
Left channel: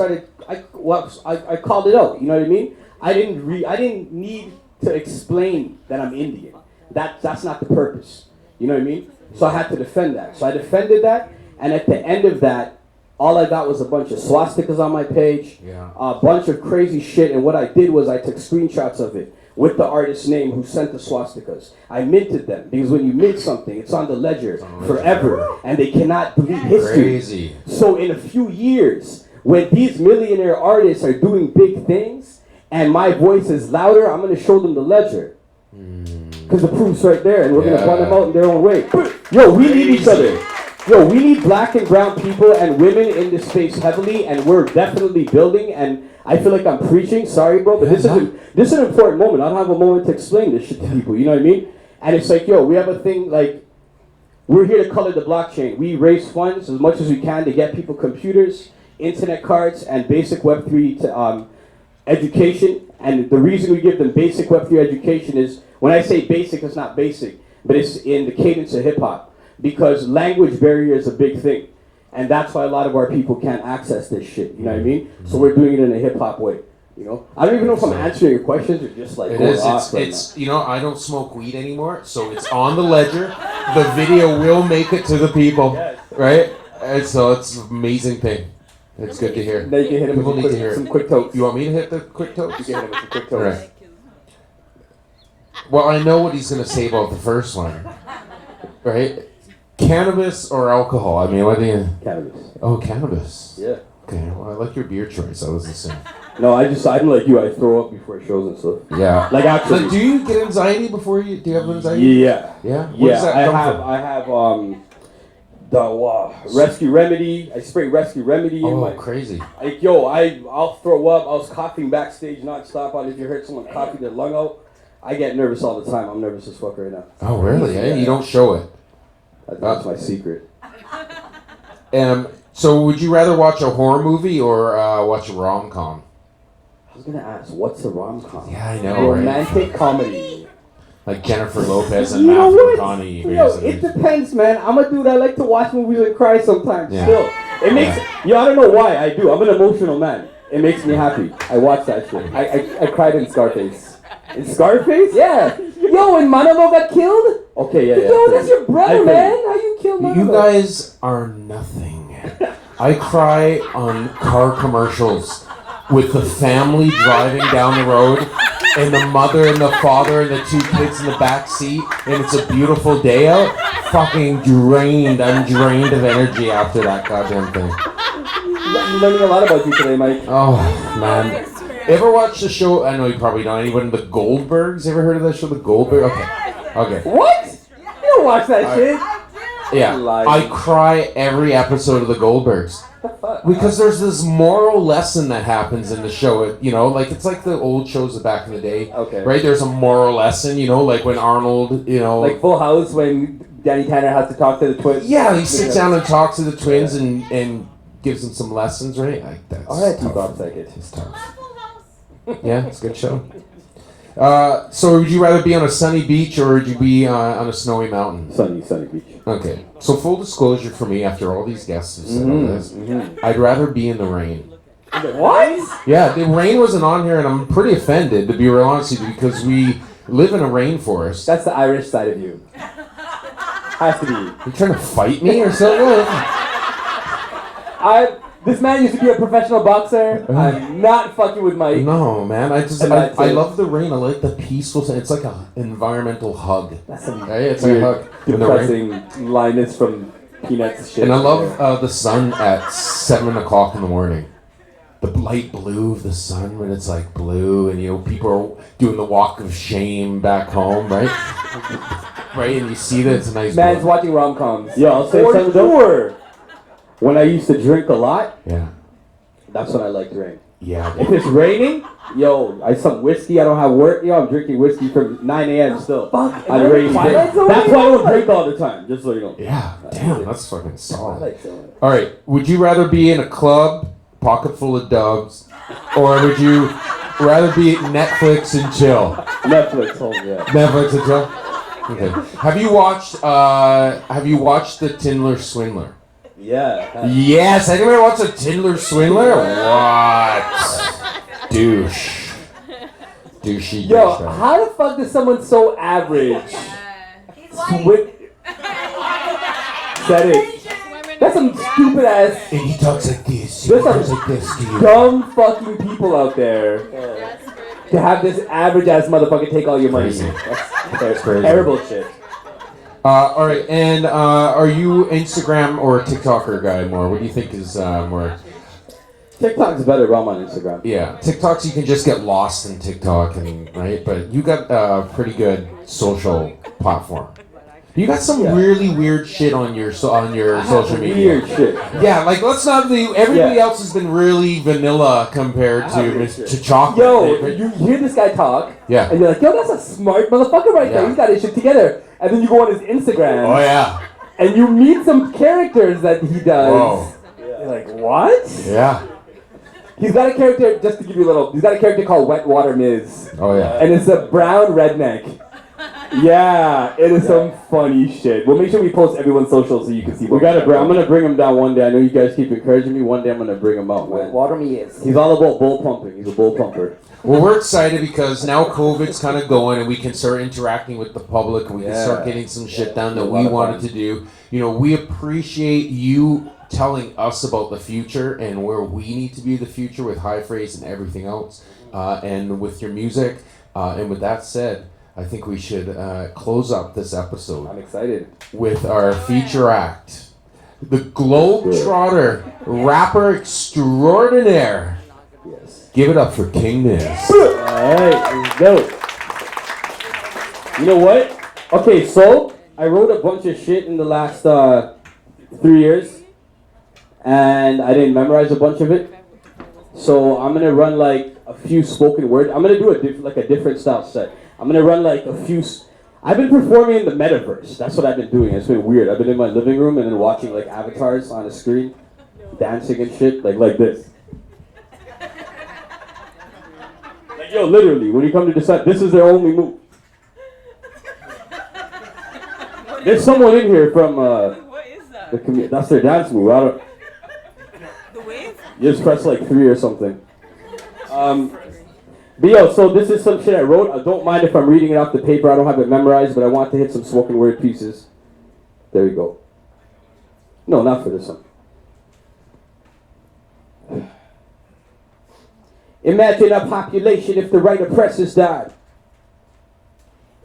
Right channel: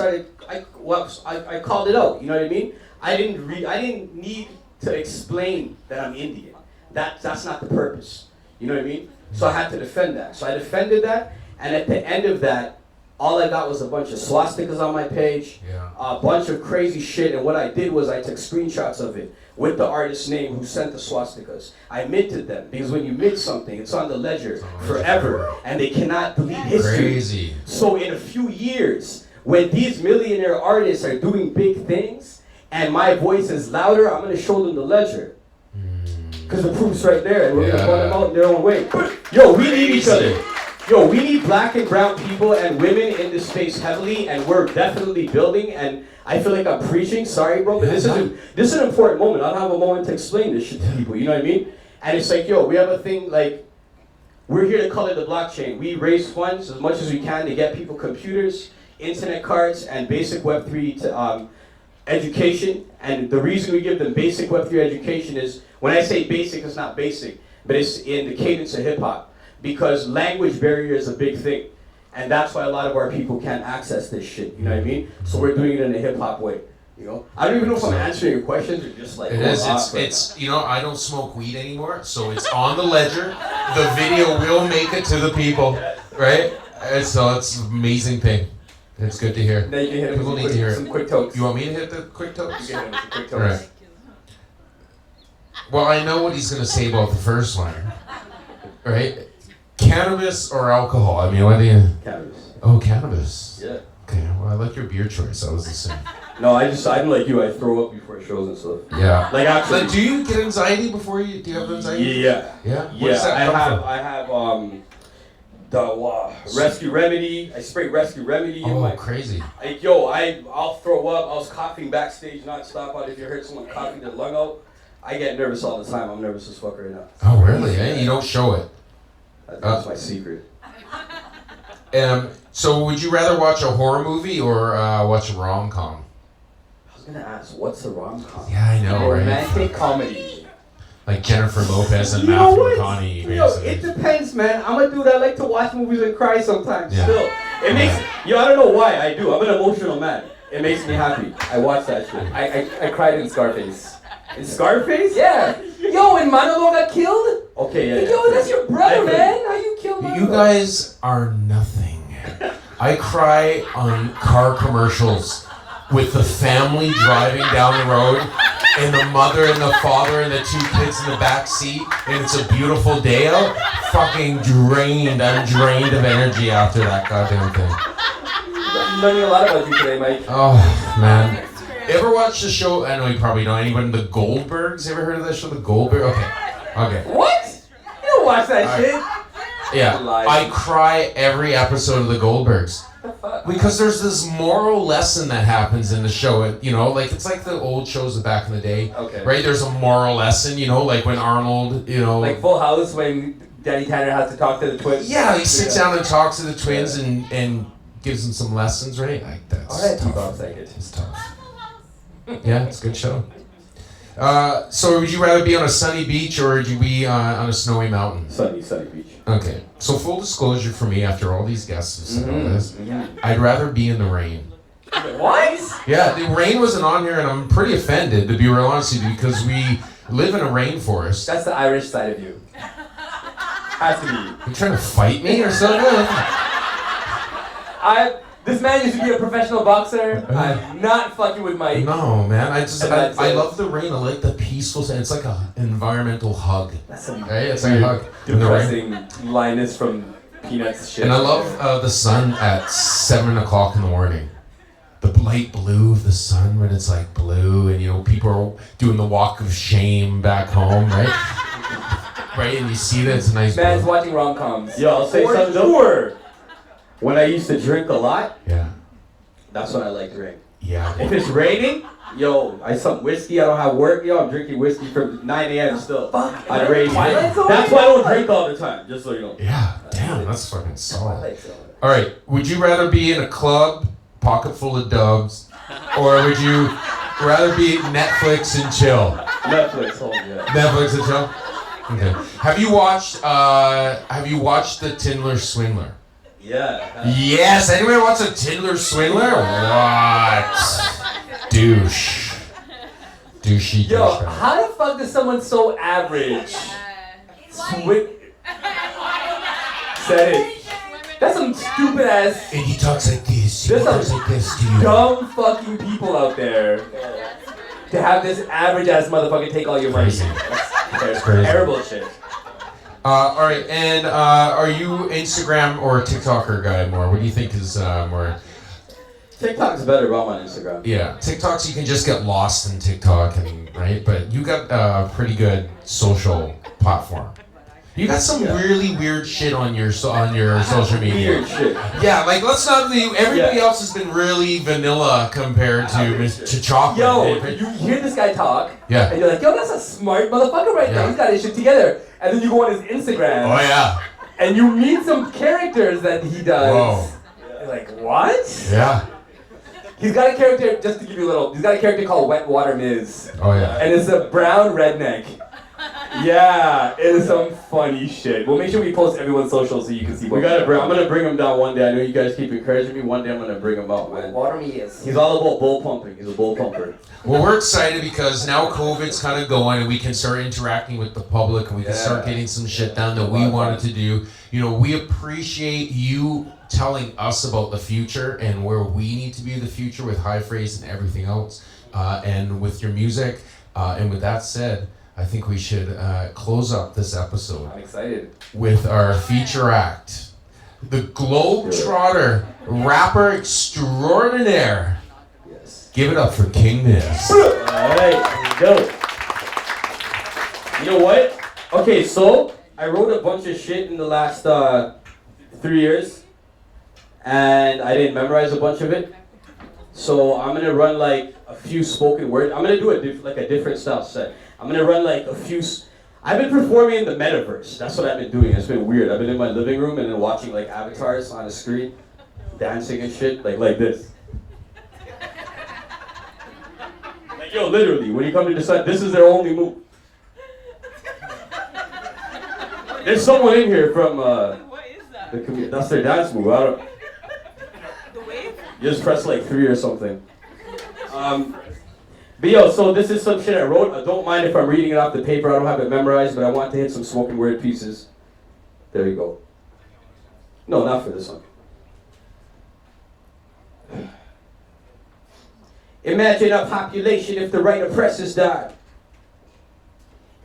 called it out. You know what I mean? I didn't need to explain that I'm Indian. That's not the purpose. You know what I mean? So I had to defend that. So I defended that, and at the end of that, all I got was a bunch of swastikas on my page, a bunch of crazy shit, and what I did was I took screenshots of it with the artist's name who sent the swastikas. I minted them, because when you mint something, it's on the ledger forever, and they cannot delete history. Crazy. So in a few years, when these millionaire artists are doing big things, and my voice is louder, I'm going to show them the ledger. Because the proof's right there, and we're going to run them out in their own way. Yo, we need each other. Yo, we need black and brown people and women in this space heavily, and we're definitely building, and I feel like I'm preaching, sorry bro, but this is an important moment. I don't have a moment to explain this shit to people, you know what I mean? And it's like, yo, we have a thing, like, we're here to color the blockchain. We raise funds as much as we can to get people computers, internet cards, and basic Web3 education. And the reason we give them basic Web3 education is, when I say basic, it's not basic, but it's in the cadence of hip hop. Because language barrier is a big thing. And that's why a lot of our people can't access this shit, you know what I mean? So we're doing it in a hip hop way, you know? I don't even know if I'm answering your questions or just like... It is, it's you know, I don't smoke weed anymore, so it's on the ledger. The video will make it to the people, right? And so it's an amazing thing. It's good to hear. Now you can hit People need to hear it. some quick tokes. You want me to hit the quick tokes? You can hit some quick All tokes. right. Well, I know what he's going to say about the first one, right? Cannabis or alcohol? I mean, what do you... Cannabis. Oh, cannabis. Yeah. Okay, well, I like your beer choice. I was the same. No, I'm like you. I throw up before shows and stuff. Yeah. Like actually... Like, do you get anxiety before you... Do you have anxiety? Yeah. Yeah? Where does that come from? I have the Rescue Remedy. I spray Rescue Remedy in my... crazy. Like, yo, I'll throw up. I was coughing backstage non-stop on. If you heard someone coughing their lung out, I get nervous all the time. I'm nervous as fuck right now. Oh, really? Eh? You don't show it. That's my secret. So would you rather watch a horror movie or watch a rom-com? I was gonna ask, what's a rom-com? Yeah, I know, right? Romantic comedy. Like Jennifer Lopez and Matthew McConaughey. Yo, it depends, man. I'm a dude. I like to watch movies and cry sometimes. Yeah. Still, it makes. Yo, I don't know why I do. I'm an emotional man. It makes me happy. I watch that shit. I cried in Scarface. In Scarface? Yeah. Yo, when Manolo got killed? Okay, yeah. Yo, that's your brother, man. How you killed Manolo? You guys are nothing. I cry on car commercials with the family driving down the road and the mother and the father and the two kids in the back seat, and it's a beautiful day out. Fucking drained. I'm drained of energy after that goddamn thing. I'm learning a lot about you today, Mike. Oh, man. Ever watch the show? I know you probably don't. Anyone? The Goldbergs? Ever heard of that show, The Goldbergs? Okay. What? You don't watch that shit? Yeah. I cry every episode of The Goldbergs. Because there's this moral lesson that happens in the show. You know, like it's like the old shows back in the day. Okay. Right? There's a moral lesson, you know, like when Arnold, you know. Like Full House when Danny Tanner has to talk to the twins. Yeah, he sits down and talks to the twins and gives them some lessons, right? Like that's Alright, tough. it. It's tough. Yeah, it's a good show. So would you rather be on a sunny beach or would you be on a snowy mountain? Sunny beach. Okay. So full disclosure for me, after all these guests have said all this, I'd rather be in the rain. What? Yeah, the rain wasn't on here, and I'm pretty offended, to be real honest with you, because we live in a rainforest. That's the Irish side of you. Has to be. You trying to fight me or something? This man used to be a professional boxer. I'm not fucking with Mike. No, man. I love the rain. I like the peaceful. It's like an environmental hug. That's a Right? It's like a hug. In the rain. depressing Linus from Peanuts shit. And I love the sun at 7 o'clock in the morning. The light blue of the sun when it's like blue, and you know people are doing the walk of shame back home, right? Right, and you see that it's a nice. Man's blue. watching rom-coms. Yo, I'll say something. Sure. When I used to drink a lot, Yeah. that's when I like drink. Yeah. If it's raining, yo, I some whiskey. I don't have work. Yo, I'm drinking whiskey from 9 a.m. still. Fuck. On a rainy day. That's why I don't drink all the time. Just so you know. Yeah. Damn, that's fucking solid. like that. All right. Would you rather be in a club, pocket full of dubs, or would you rather be at Netflix and chill? Netflix, home, yeah. Netflix and chill. Okay. Have you watched the Tindler Swindler? Yeah. Yes, anyone watch the Tindler Swindler? What? Douche. Douchey. Yo, how the fuck does someone so average said it? That's some stupid ass. And he talks like this. He There's talks some like this to you. dumb fucking people out there to have this average ass motherfucker take all your money. Crazy. That's crazy. terrible shit. All right, and are you Instagram or TikToker guy more? What do you think is more? TikTok's better rum on Instagram. Yeah, TikToks you can just get lost in TikTok, and right, but you got a pretty good social platform. You got some really weird shit on your social media. Weird shit. Yeah, like let's not be. Everybody else has been really vanilla compared to chocolate. Yo, you hear this guy talk, Yeah. and you're like, yo, that's a smart motherfucker right there. Yeah. He's got his shit together. And then you go on his Instagram, Oh yeah. and you meet some characters that he does. Whoa. You're like, what? Yeah. He's got a character, just to give you a little, he's got a character called Wet Water Miz. Oh yeah. And it's a brown redneck. Yeah, it is some funny shit. We'll make sure we post everyone's socials so you can see. We gotta bring. I'm gonna bring him down one day. I know you guys keep encouraging me. One day I'm gonna bring him out, man. Water Miz. He's all about bull pumping. He's a bull pumper. Well, we're excited because now COVID's kind of going and we can start interacting with the public and we can start getting some shit done that we wanted to do. You know, we appreciate you telling us about the future and where we need to be in the future with High Phrase and everything else, and with your music. And with that said, I think we should close up this episode. I'm excited. With our feature act, the Globetrotter rapper extraordinaire. Yes. Give it up for King Miz. Alright, go. You know what? Okay, so I wrote a bunch of shit in the last 3 years, and I didn't memorize a bunch of it. So I'm gonna run like a few spoken word. I'm gonna do a different style set. I'm gonna run like a few. I've been performing in the metaverse. That's what I've been doing. It's been weird. I've been in my living room and then watching like avatars on the screen, dancing and shit, like this. Like yo, literally, when you come to decide, this is their only move. There's someone in here from What is that? that's their dance move. I don't. The wave? You just press like 3 or something. But yo, so this is some shit I wrote. I don't mind if I'm reading it off the paper. I don't have it memorized, but I want to hit some spoken word pieces. There you go. No, not for this one. Imagine a population if the right oppressors died.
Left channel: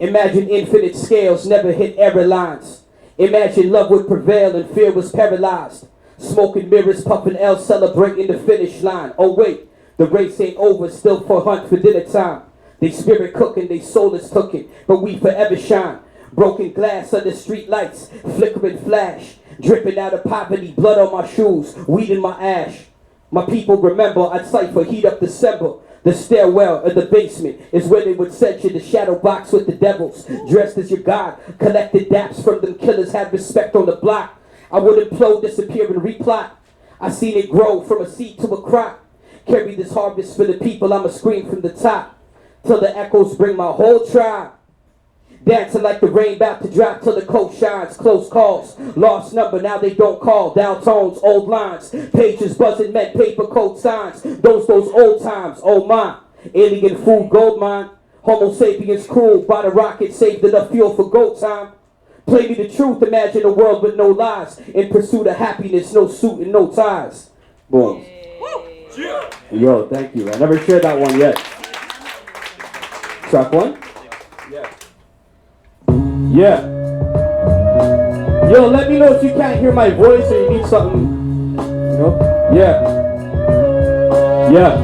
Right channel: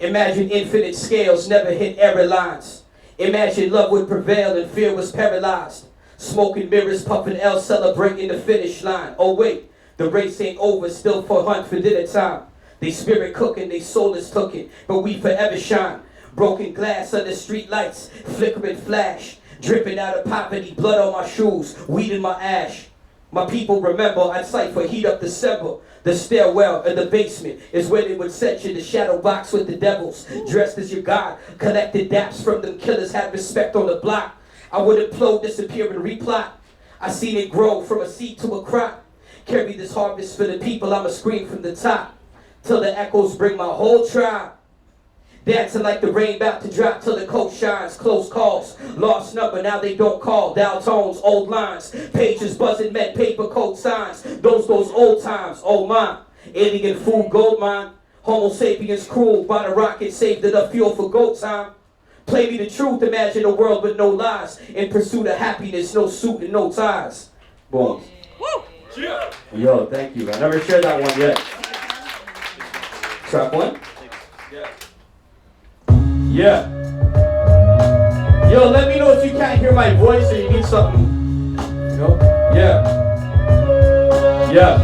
Imagine infinite scales never hit error lines. Imagine love would prevail and fear was paralyzed. Smoking mirrors, puffing L, celebrating the finish line. Oh wait, the race ain't over, still for hunt for dinner time. They spirit cooking, they soul is cooking, but we forever shine. Broken glass under street lights, flickering flash. Dripping out of poverty, blood on my shoes, weed in my ash. My people remember I'd cipher heat up December. The stairwell in the basement is where they would set you. The shadow box with the devils, dressed as your god. Collected daps from them killers, had respect on the block. I would implode, disappear, and replot. I seen it grow from a seed to a crop. Carry this harvest for the people, I'ma scream from the top. Till the echoes bring my whole tribe. Dancing like the rain about to drop till the coat shines. Close calls, lost number, now they don't call. Down tones, old lines, pages buzzing, met paper code signs. Those old times, oh my. Alien food, gold mine. Homo sapiens cruel, by the rocket, saved enough fuel for go time. Play me the truth, imagine a world with no lies. In pursuit of happiness, no suit and no ties. Boom. Yeah. Yo, thank you. I never shared that one yet. Track one? Yeah. Yo, let me know if you can't hear my voice or you need something. You know? Yeah. Yeah.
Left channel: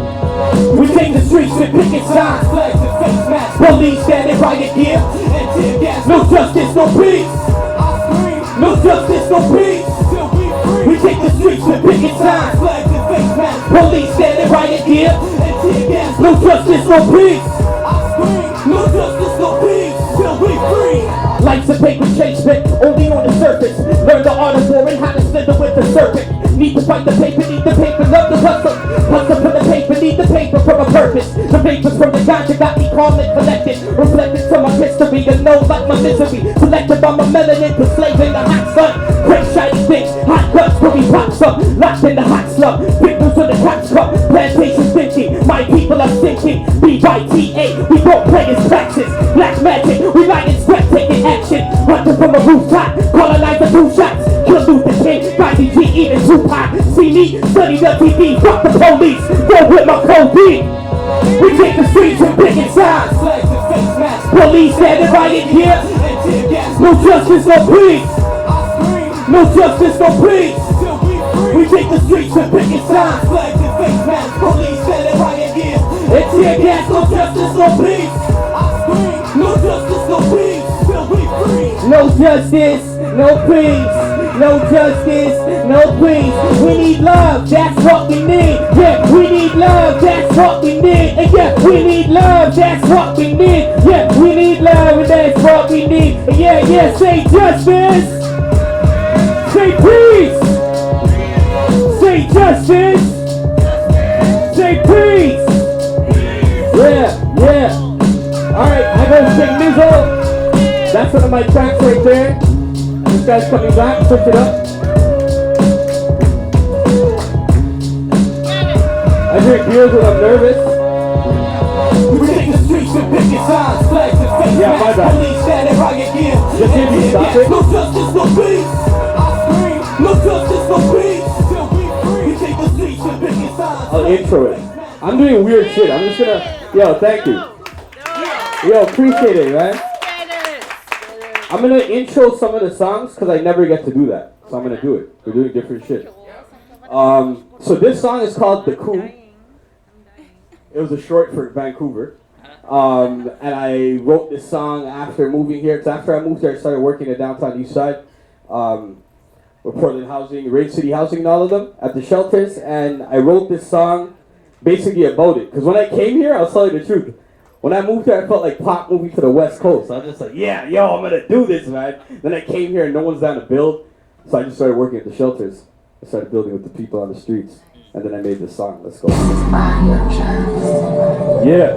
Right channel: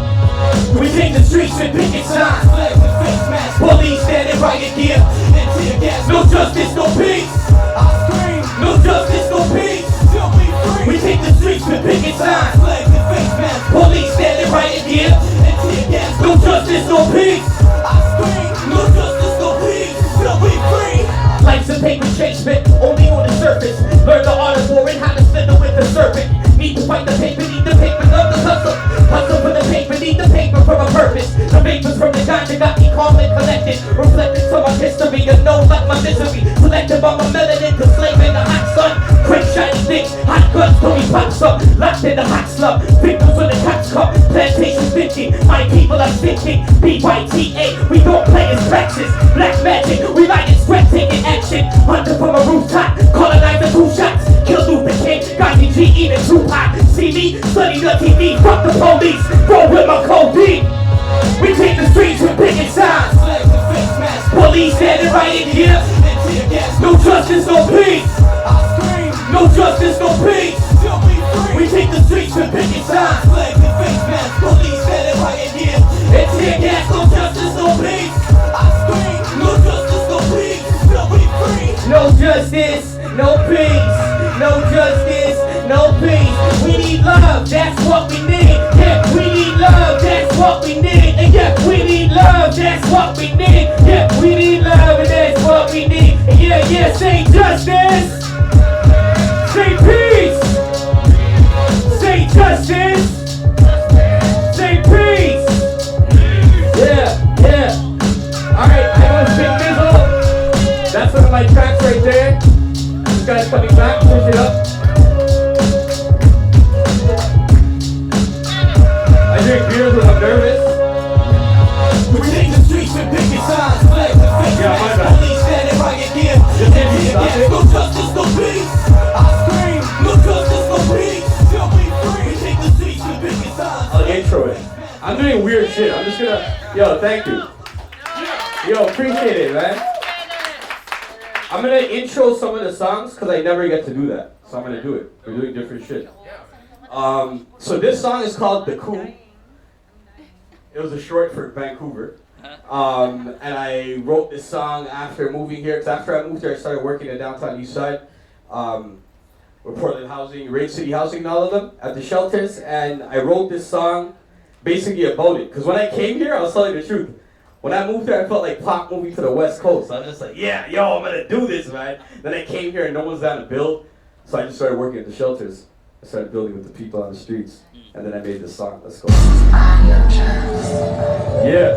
We take the streets with picket signs, flags and face masks. Police standing riot gear and tear gas. No justice, no peace. I scream. No justice, no peace. Till we free. We take the streets with picket signs, flags and face masks. Police standing riot gear and tear gas. No justice, no peace. I scream. No justice, no peace. Till we free. Life's a paper chase bit, only on the surface. Learn the art of war and how to slither with the serpent. Need to fight the paper, need the paper, love the hustle. Hustle for the paper, need need the paper for a purpose. The vapors from the ganja got me calm and collected. Reflected from my history, you know like my misery. Selected by my melanin to slave in the hot sun. Great shiny things, hot guns till we pops up. Locked in the hot slum, victims when the cops come. Plantation thinking, my people are thinking. BYTA, we gon' play as praxis. Black magic, we light in spectating action. Hunter from a rooftop, colonize the 2 shots. Kill Luther King, Gotti G eating Tupac. See me, study the TV, fuck the police. Go with my codeine. We take the streets with picket signs. Police standing right in here. No justice, no peace. No justice, no peace. We take the streets with picket signs. Police standing right in here. And tear gas, no justice, no peace. No justice, no peace. No justice, no peace. No justice, no peace. We need love, that's what we need. Yeah, we need love, that's what we need. And yeah, we need love, that's what we need. Yeah, we need love, and that's what we need. And yeah, say justice. Say peace. Say justice. Say peace. Yeah. Alright, I got King Mizo. That's one of my tracks right there. This guy's coming back, push it up. I drink beers when I'm nervous. We take the streets with picket signs, flags and face masks. Police standing right again. No justice, no peace. I scream, no justice, no peace. Till we free. We take the streets with picket signs. I'll intro it. I'm doing weird shit. I'm just gonna, thank you. Appreciate it, man. I'm gonna intro some of the songs because I never get to do that. So I'm gonna do it. We're doing different shit. So this song is called The Coup. It was a short for Vancouver. And I wrote this song after moving here. Because after I moved here, I started working in downtown East Side. With Portland Housing, Rage City Housing and all of them at the shelters. And I wrote this song basically about it. Because when I came here, I was telling the truth. When I moved here, I felt like Pop moving to the West Coast. So I was just like, I'm gonna do this, man. Then I came here and no one's down to build. So I just started working at the shelters. I started building with the people on the streets. And then I made this song. Let's go. Yeah.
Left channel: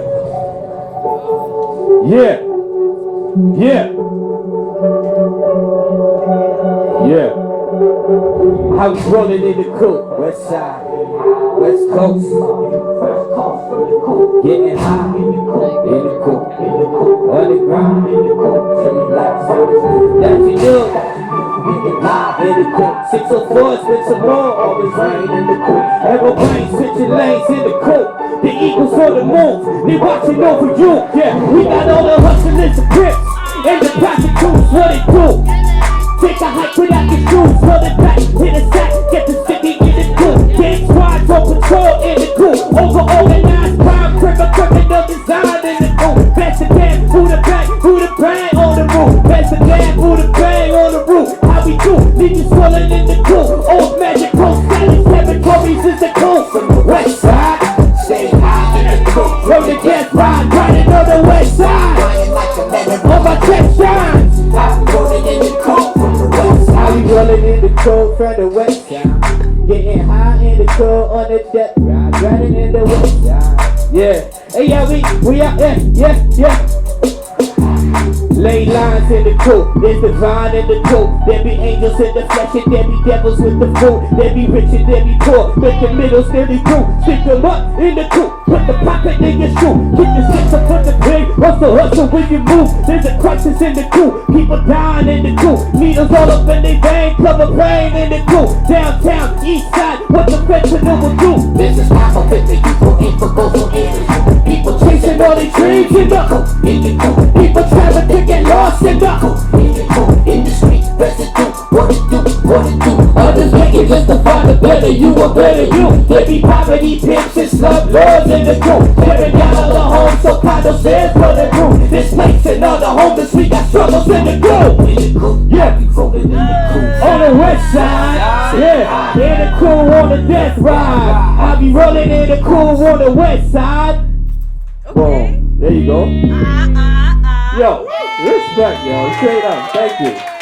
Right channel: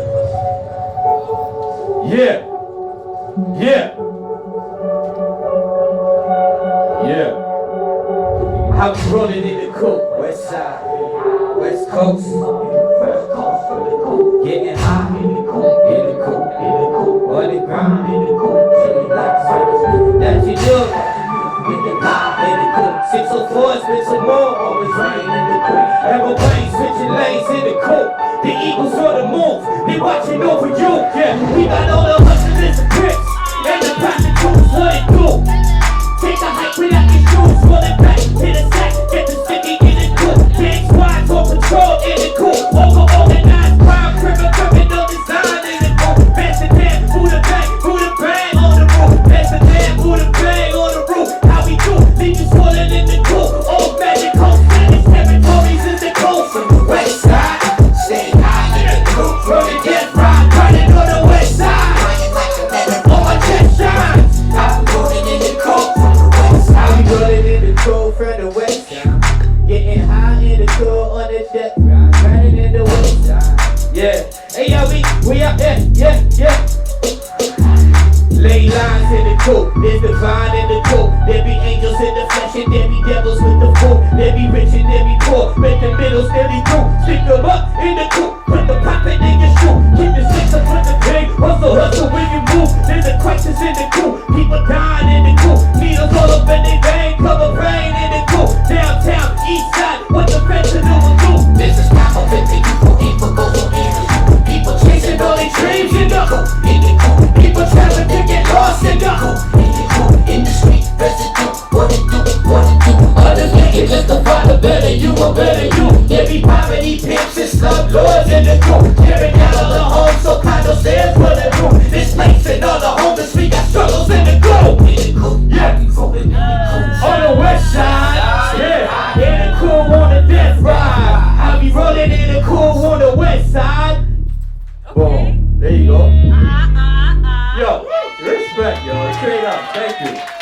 How we rolling in the coupe? West side, West Coast. Getting high in the coupe, on the ground in the coupe. That you know. In the coupe, 604, spit some more, always rain in the coupe. Aeroplanes switching lanes in the coupe. The Eagles on the move, they watching over you. Yeah, we got all the hustlers and grips, and the prostitutes, what it do? Take a hike without your shoes, roll it back, hit a sack, get the city in the coupe. Gang squads on patrol in the coupe, organized crime, criminal design in the coupe. Pass the damn, who the bang on the roof. Pass the damn, who the bang on the roof. Leave you swollen in the coupe. Old magic coast, Spanish territories is the coast. From the west side, stay high in the coupe. From the death ride, riding on the west side. On my chest shines. I'm rolling in the coupe from the west side. I'm rolling in the coupe from the west side. Getting high in the coupe on the death ride, riding in the west side. Yeah, hey, we out there, yeah. Lay lines in the coupe, there's divine in the coupe. There be angels in the flesh and there be devils with the fruit. There be rich and there be poor, but the middle still be true. Stick them up in the coupe, put the pocket in your shoe. Keep the six up on the pig, hustle when you move. There's a crisis in the coupe, people dying in the coupe. Needles all up in their vein, cover brain in the coupe. Downtown, east side, what the fentanyl will do. This is my moment, people eat for goals on air. People chasing all their dreams in the coupe. People traveling to get lost in the coupe. In the street, residue, what it do? Others make it just to find a better you, a better you. There be poverty, pimps, and slum lords in the group. Tearing down all the homes, so condo stairs for the group. Displacing all the homeless, we got struggles in the group. Yeah, on the west side, yeah, in the cool on the death ride. I be rolling in the cool on the west side. Okay. There you go. Yo, respect, yo. Straight up. Thank you.